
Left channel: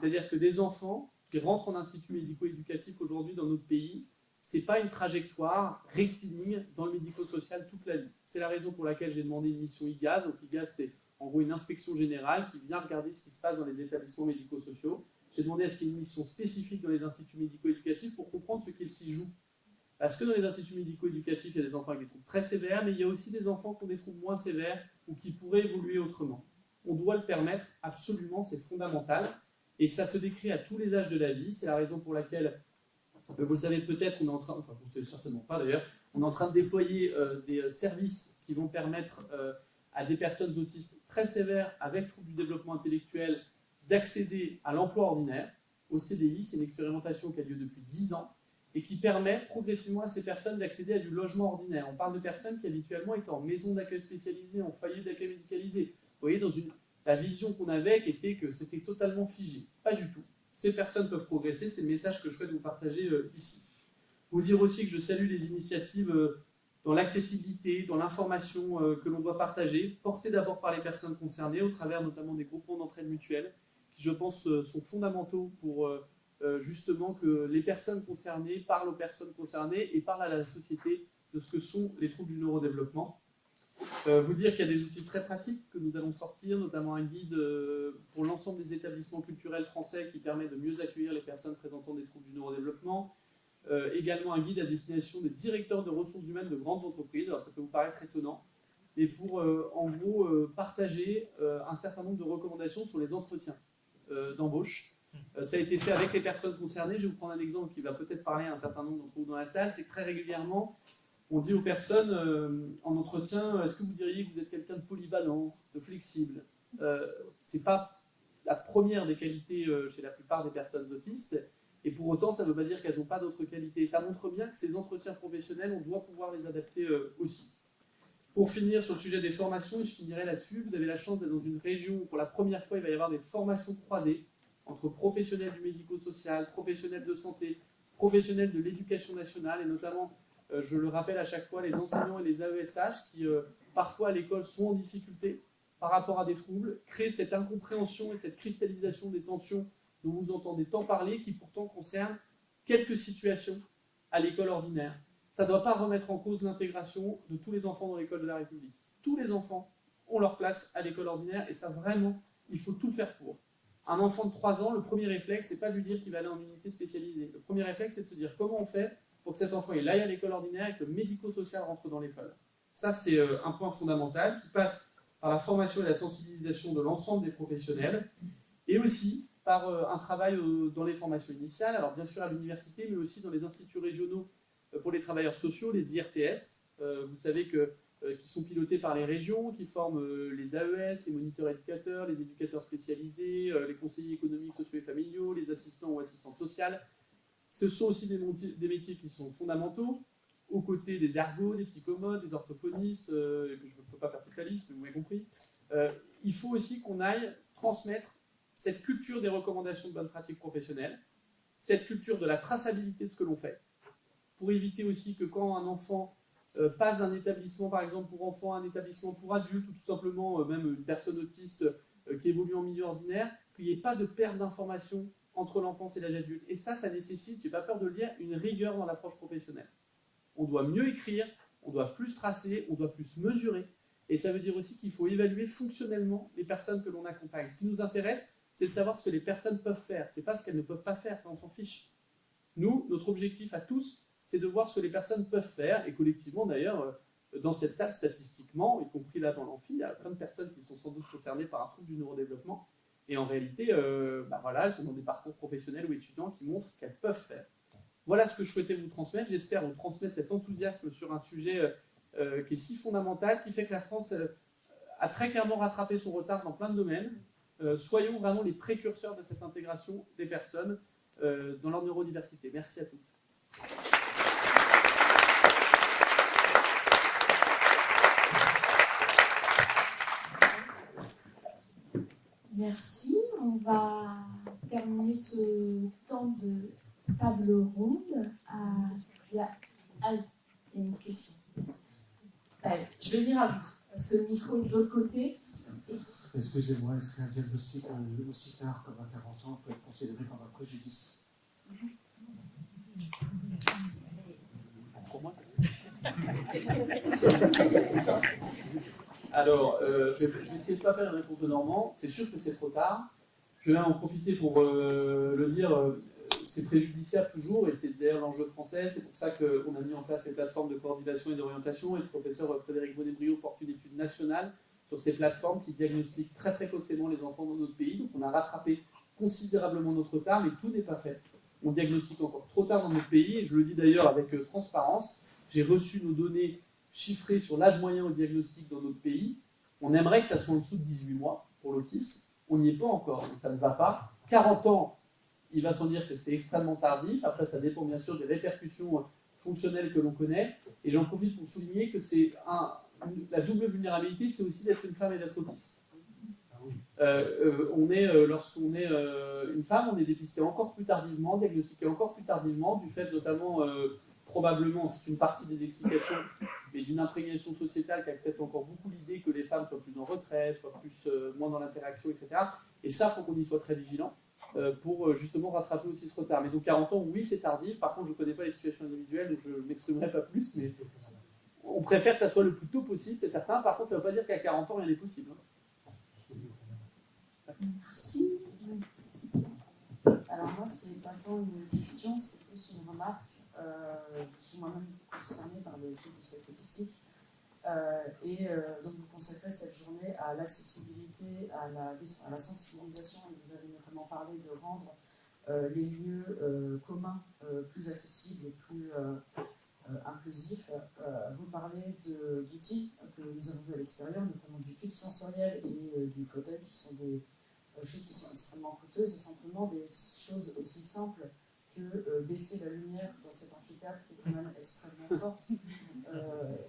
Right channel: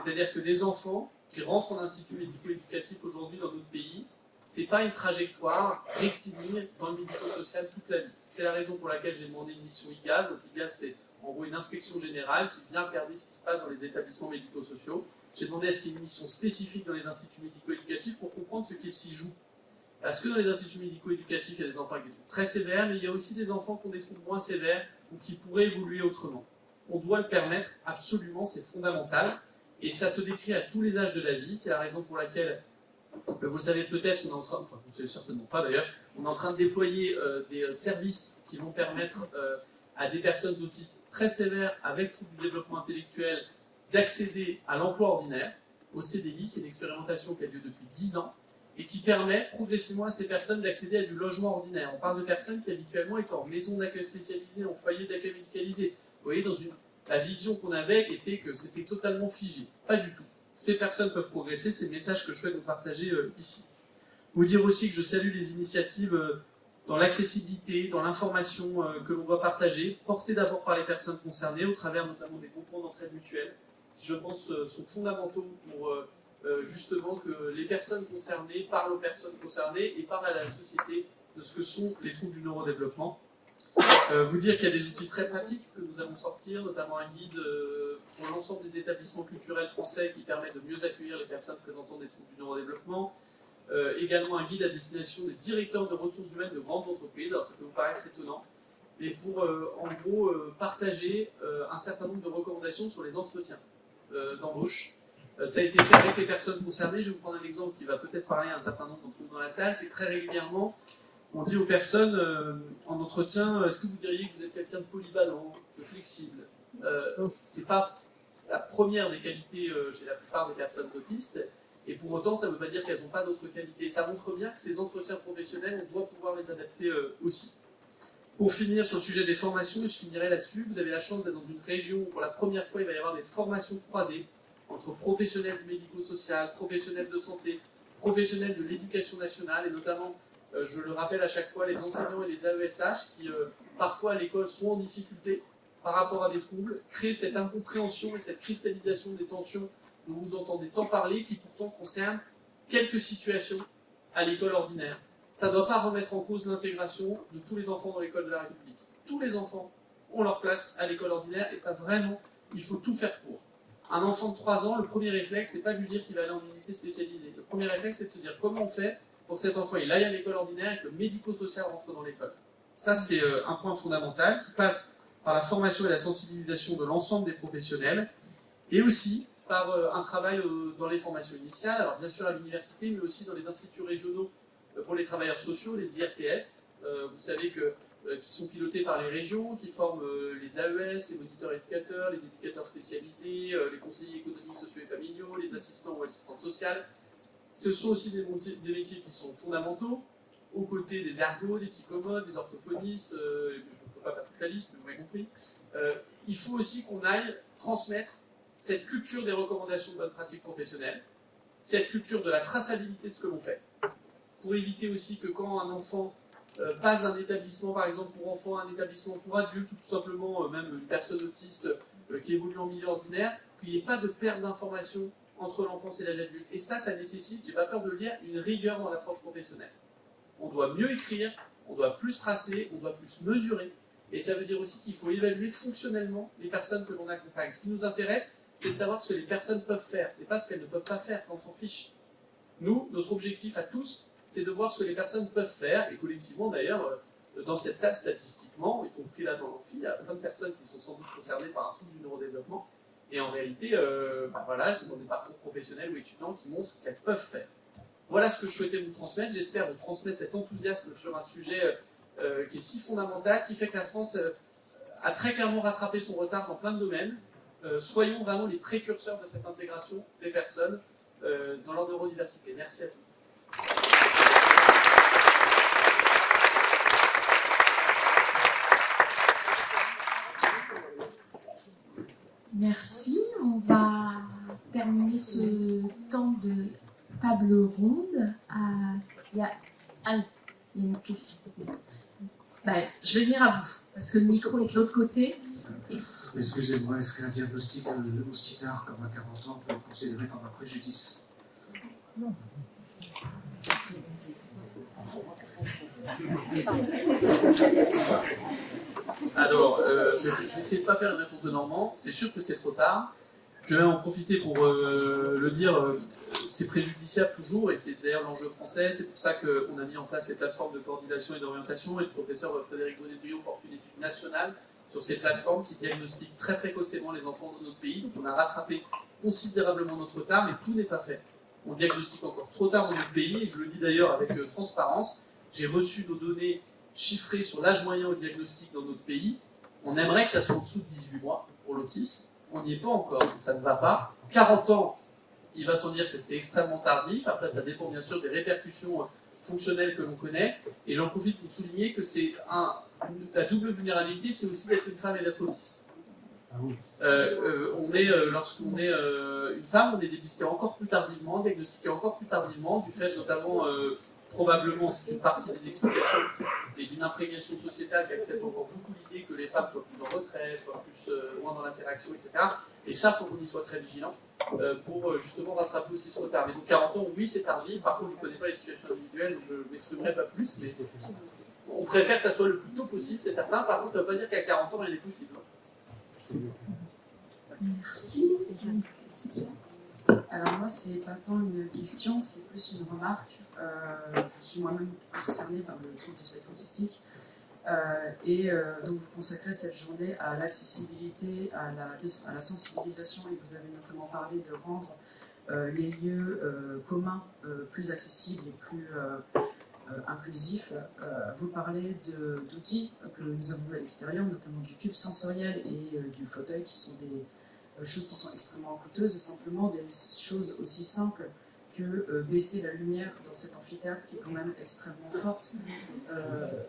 C'est-à-dire que des enfants qui rentrent en institut médico-éducatif aujourd'hui dans notre pays, c'est pas une trajectoire rectiligne dans le médico-social toute la vie. C'est la raison pour laquelle j'ai demandé une mission IGAD. Donc IGAD, c'est en gros une inspection générale qui vient regarder ce qui se passe dans les établissements médico-sociaux. J'ai demandé à ce qu'il y ait une mission spécifique dans les instituts médico-éducatifs pour comprendre ce qui s'y joue. Parce que dans les instituts médico-éducatifs, il y a des enfants avec des troubles très sévères, mais il y a aussi des enfants qui ont des troubles moins sévères ou qui pourraient évoluer autrement. On doit le permettre, absolument, c'est fondamental. Et ça se décrit à tous les âges de la vie. C'est la raison pour laquelle, vous savez peut-être, on est en train, enfin vous ne savez certainement pas d'ailleurs, on est en train de déployer des services qui vont permettre à des personnes autistes très sévères avec troubles du développement intellectuel d'accéder à l'emploi ordinaire. Au CDI, c'est une expérimentation qui a lieu depuis 10 ans et qui permet progressivement à ces personnes d'accéder à du logement ordinaire. On parle de personnes qui habituellement étaient en maison d'accueil spécialisée, en foyer d'accueil médicalisé. Vous voyez, la vision qu'on avait était que c'était totalement figé. Pas du tout. Ces personnes peuvent progresser, c'est le message que je souhaite vous partager ici. Vous dire aussi que je salue les initiatives dans l'accessibilité, dans l'information que l'on doit partager, portées d'abord par les personnes concernées, au travers notamment des groupements d'entraide mutuelle, qui je pense sont fondamentaux pour justement que les personnes concernées parlent aux personnes concernées et parlent à la société de ce que sont les troubles du neurodéveloppement. Vous dire qu'il y a des outils très pratiques que nous allons sortir, notamment un guide pour l'ensemble des établissements culturels français qui permet de mieux accueillir les personnes présentant des troubles du neurodéveloppement. Également un guide à destination des directeurs de ressources humaines de grandes entreprises, alors ça peut vous paraître étonnant, et pour en gros partager un certain nombre de recommandations sur les entretiens d'embauche. Ça a été fait avec les personnes concernées. Je vais vous prendre un exemple qui va peut-être parler à un certain nombre d'entre vous dans la salle. C'est que très régulièrement, on dit aux personnes en entretien, est-ce que vous diriez que vous êtes quelqu'un de polyvalent, de flexible? C'est pas la première des qualités chez la plupart des personnes autistes, et pour autant, ça ne veut pas dire qu'elles n'ont pas d'autres qualités. Ça montre bien que ces entretiens professionnels, on doit pouvoir les adapter aussi. Pour finir sur le sujet des formations, et je finirai là-dessus, vous avez la chance d'être dans une région où pour la première fois, il va y avoir des formations croisées entre professionnels du médico-social, professionnels de santé, professionnels de l'éducation nationale, et notamment, je le rappelle à chaque fois, les enseignants et les AESH qui, parfois à l'école, sont en difficulté par rapport à des troubles, créent cette incompréhension et cette cristallisation des tensions dont vous entendez tant parler, qui pourtant concernent quelques situations à l'école ordinaire. Ça ne doit pas remettre en cause l'intégration de tous les enfants dans l'école de la République. Tous les enfants ont leur place à l'école ordinaire, et ça vraiment, il faut tout faire pour. Un enfant de 3 ans, le premier réflexe, c'est pas de lui dire qu'il va aller en unité spécialisée. Le premier réflexe, c'est de se dire comment on fait pour que cet enfant il aille à l'école ordinaire et que le médico-social rentre dans l'école. Ça, c'est un point fondamental qui passe par la formation et la sensibilisation de l'ensemble des professionnels, et aussi par un travail dans les formations initiales, alors bien sûr à l'université, mais aussi dans les instituts régionaux pour les travailleurs sociaux, les IRTS. Vous savez qui sont pilotés par les régions, qui forment les AES, les moniteurs éducateurs, les éducateurs spécialisés, les conseillers économiques, sociaux et familiaux, les assistants ou assistantes sociales. Ce sont aussi des métiers qui sont fondamentaux, aux côtés des ergots, des psychommodes, des orthophonistes, je ne peux pas faire toute la liste, mais vous m'avez compris. Il faut aussi qu'on aille transmettre cette culture des recommandations de bonne pratique professionnelle, cette culture de la traçabilité de ce que l'on fait, pour éviter aussi que quand un enfant passe d'un établissement, par exemple pour enfants, à un établissement pour adultes, ou tout simplement même une personne autiste qui évolue en milieu ordinaire, il n'y ait pas de perte d'information entre l'enfance et l'âge adulte. Et ça nécessite, j'ai pas peur de le dire, une rigueur dans l'approche professionnelle. On doit mieux écrire, on doit plus tracer, on doit plus mesurer, et ça veut dire aussi qu'il faut évaluer fonctionnellement les personnes que l'on accompagne. Ce qui nous intéresse, c'est de savoir ce que les personnes peuvent faire, c'est pas ce qu'elles ne peuvent pas faire, ça on s'en fiche. Nous, notre objectif à tous, c'est de voir ce que les personnes peuvent faire, et collectivement d'ailleurs, dans cette salle, statistiquement, y compris là dans l'amphi, il y a plein de personnes qui sont sans doute concernées par un trouble du neurodéveloppement, et en réalité, voilà, elles sont dans des parcours professionnels ou étudiants qui montrent qu'elles peuvent faire. Voilà ce que je souhaitais vous transmettre, j'espère vous transmettre cet enthousiasme sur un sujet qui est si fondamental, qui fait que la France a très clairement rattrapé son retard dans plein de domaines. Soyons vraiment les précurseurs de cette intégration des personnes dans leur neurodiversité. Merci à tous. Merci. On va terminer ce temps de table ronde. Il y a une question. Je vais venir à vous, parce que le micro est de l'autre côté. Excusez-moi, est-ce qu'un diagnostic aussi tard, comme à 40 ans, peut être considéré comme un préjudice? Non. Alors, je vais essayer de ne pas faire une réponse de Normand. C'est sûr que c'est trop tard. Je vais en profiter pour le dire. C'est préjudiciable toujours, et c'est d'ailleurs l'enjeu français. C'est pour ça qu'on a mis en place ces plateformes de coordination et d'orientation. Et le professeur Frédéric Bonnet-Duillot porte une étude nationale sur ces plateformes qui diagnostiquent très précocement les enfants de notre pays. On a rattrapé considérablement notre retard, mais tout n'est pas fait. On diagnostique encore trop tard dans notre pays, et je le dis d'ailleurs avec transparence. J'ai reçu nos données chiffrées sur l'âge moyen au diagnostic dans notre pays. On aimerait que ça soit en dessous de 18 mois pour l'autisme. On n'y est pas encore, donc ça ne va pas. 40 ans, il va sans dire que c'est extrêmement tardif. Après, ça dépend bien sûr des répercussions fonctionnelles que l'on connaît. Et j'en profite pour souligner que c'est la double vulnérabilité, c'est aussi d'être une femme et d'être autiste. Lorsqu'on est une femme, on est dépisté encore plus tardivement, diagnostiqué encore plus tardivement, du fait notamment, probablement, c'est une partie des explications, et d'une imprégnation sociétale qui accepte encore beaucoup l'idée que les femmes soient plus en retrait, soient moins dans l'interaction, etc. Et ça, il faut qu'on y soit très vigilant pour justement rattraper aussi ce retard. Mais donc 40 ans, oui, c'est tardif. Par contre, je ne connais pas les situations individuelles, donc je ne m'exprimerai pas plus, mais on préfère que ça soit le plus tôt possible, c'est certain. Par contre, ça ne veut pas dire qu'à 40 ans, rien n'est possible. Merci. Alors moi, c'est pas tant une question, c'est plus une remarque. Je suis moi-même concernée par le trouble du spectre autistique. Donc vous consacrez cette journée à l'accessibilité, à la sensibilisation, et vous avez notamment parlé de rendre les lieux communs plus accessibles et plus inclusifs. Vous parlez d'outils que nous avons vus à l'extérieur, notamment du cube sensoriel et du fauteuil, qui sont des choses qui sont extrêmement coûteuses, et simplement des choses aussi simples que baisser la lumière dans cet amphithéâtre qui est quand même extrêmement forte,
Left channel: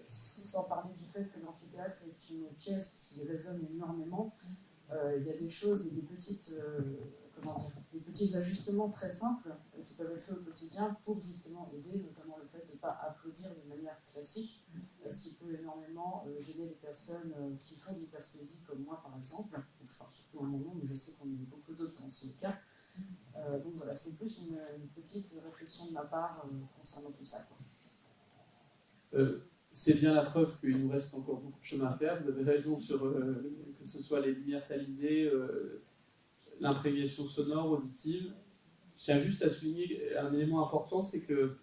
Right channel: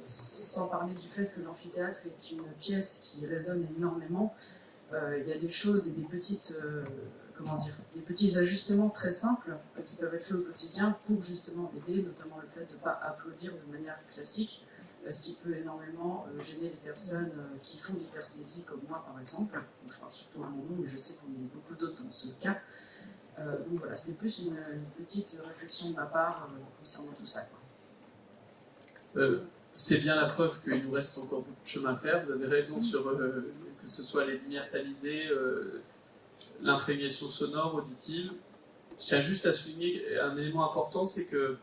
sans parler du fait que l'amphithéâtre est une pièce qui résonne énormément. Il y a des choses et des petites, des petits ajustements très simples qui peuvent être faits au quotidien pour justement aider, notamment le fait de ne pas applaudir de manière classique, ce qui peut énormément gêner les personnes qui font de l'hypersthésie, comme moi par exemple. Donc, je parle surtout à mon nom, mais je sais qu'on est beaucoup d'autres dans ce cas. Donc voilà, c'était plus une petite réflexion de ma part concernant tout ça. C'est bien la preuve qu'il nous reste encore beaucoup de chemin à faire. Vous avez raison sur que ce soit les lumières tamisées, l'imprégnation sonore, auditive. Je tiens juste à souligner un élément important, c'est que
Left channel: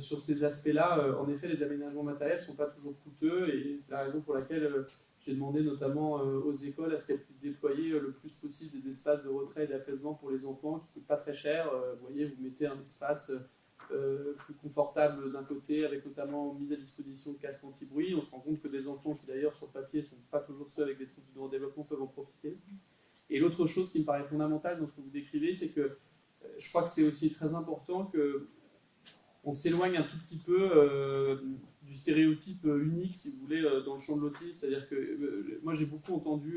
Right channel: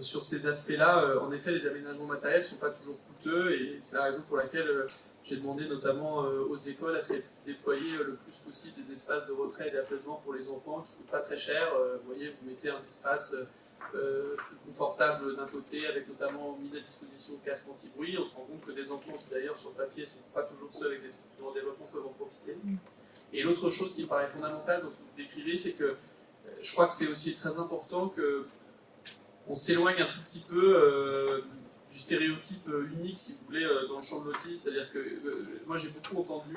sur ces aspects-là, en effet, les aménagements matériels ne sont pas toujours coûteux, et c'est la raison pour laquelle j'ai demandé notamment aux écoles à ce qu'elles puissent déployer le plus possible des espaces de retrait et d'apaisement pour les enfants qui ne coûtent pas très cher. Vous voyez, vous mettez un espace plus confortable d'un côté, avec notamment mise à disposition de casques anti-bruit. On se rend compte que les enfants qui d'ailleurs sur le papier ne sont pas toujours seuls avec des structures en développement peuvent en profiter. Et l'autre chose qui me paraît fondamentale dans ce que vous décrivez, c'est que je crois que c'est aussi très important qu'on s'éloigne un tout petit peu du stéréotype unique, si vous voulez, dans le champ de l'autisme. C'est-à-dire que moi j'ai beaucoup entendu,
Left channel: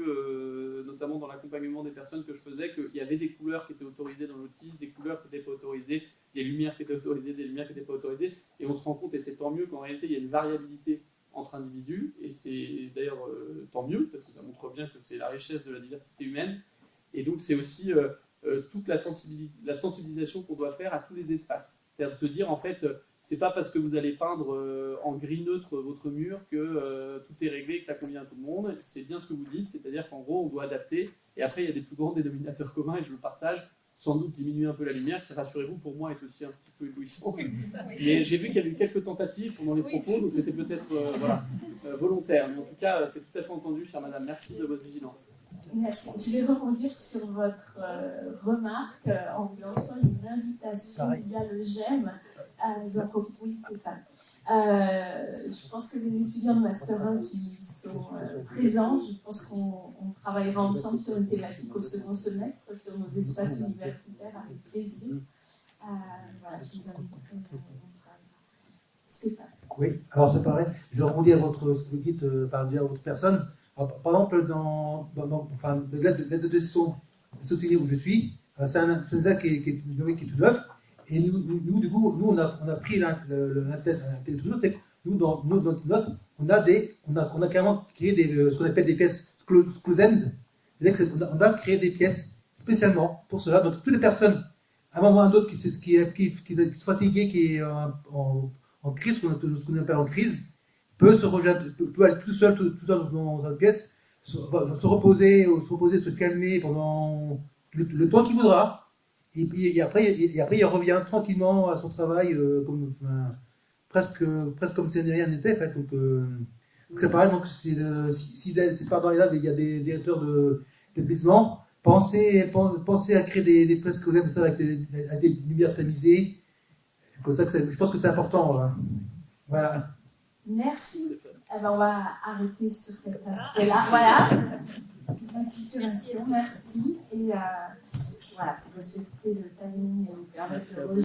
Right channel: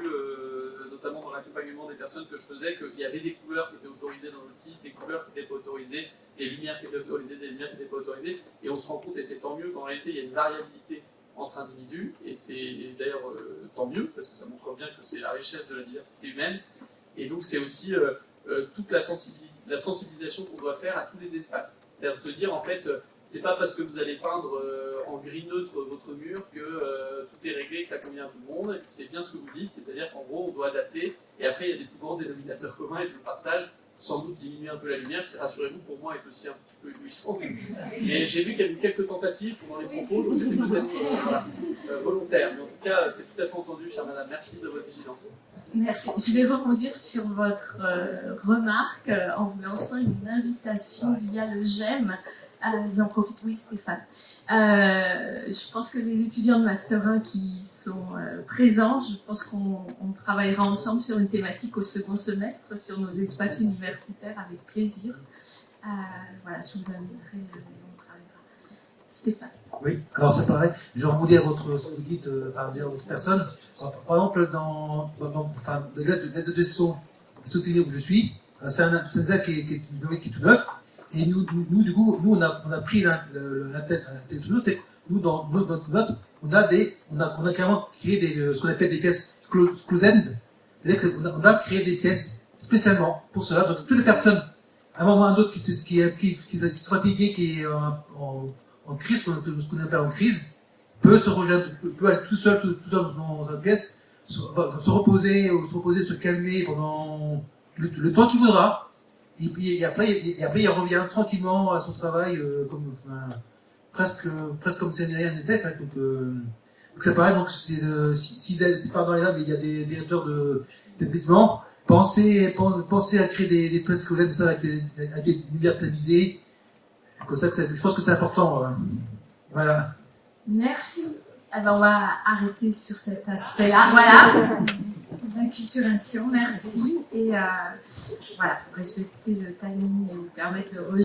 notamment dans l'accompagnement des personnes que je faisais, qu'il y avait des couleurs qui étaient autorisées dans l'autisme, des couleurs qui n'étaient pas autorisées, des lumières qui étaient autorisées, des lumières qui n'étaient pas autorisées, et on se rend compte, et c'est tant mieux, qu'en réalité il y a une variabilité entre individus, et c'est d'ailleurs tant mieux, parce que ça montre bien que c'est la richesse de la diversité humaine, et donc c'est aussi toute la sensibilisation qu'on doit faire à tous les espaces. C'est-à-dire de dire, en fait, c'est pas parce que vous allez peindre en gris neutre votre mur que tout est réglé et que ça convient à tout le monde. C'est bien ce que vous dites, c'est-à-dire qu'en gros, on doit adapter, et après, il y a des plus grands dénominateurs communs, et je le partage, sans doute diminuer un peu la lumière, qui, rassurez-vous, pour moi, est aussi un petit peu éblouissant. Et j'ai vu qu'il y a eu quelques tentatives pendant les propos, donc c'était peut-être volontaire. Mais en tout cas, c'est tout à fait entendu, chère madame. Merci de votre vigilance. Merci. Je vais rebondir sur votre remarque en vous lançant une invitation via le GEM. J'en profite, oui Stéphane. Je pense que les étudiants de Master 1 qui sont présents, je pense qu'on travaillera ensemble sur une thématique au second semestre, sur nos espaces universitaires, avec plaisir. Voilà, je vous inviterai, on travaillera. Stéphane. Oui, alors c'est pareil, je rebondis à votre équipe, à votre personne. Alors, par exemple, dans l'aide de son, société où je suis, c'est ça qui est tout neuf. Et nous, du coup, nous, on a pris l'intérêt tout neuf. Nous, dans notre note, on a carrément créé ce qu'on appelle des pièces school-end. On a créé des pièces spécialement pour cela. Donc, toutes les personnes, à un moment ou à un autre, qui sont fatiguées, qui est en crise, ce qu'on appelle en crise, peut se rejoindre, peut être tout seul dans une pièce, se reposer, se calmer pendant le temps qu'il voudra. Et puis après, il revient tranquillement à son travail, presque comme si rien n'était. Donc, c'est pareil, donc si c'est pas mal là, mais il y a des directeurs d'établissement, pensez à créer des places comme ça avec des univers tamisés. Je pense que c'est important. Voilà. Merci. Alors on va arrêter sur cet aspect-là. Voilà. L'acculturation, merci. Et voilà, pour respecter le timing et vous permettre de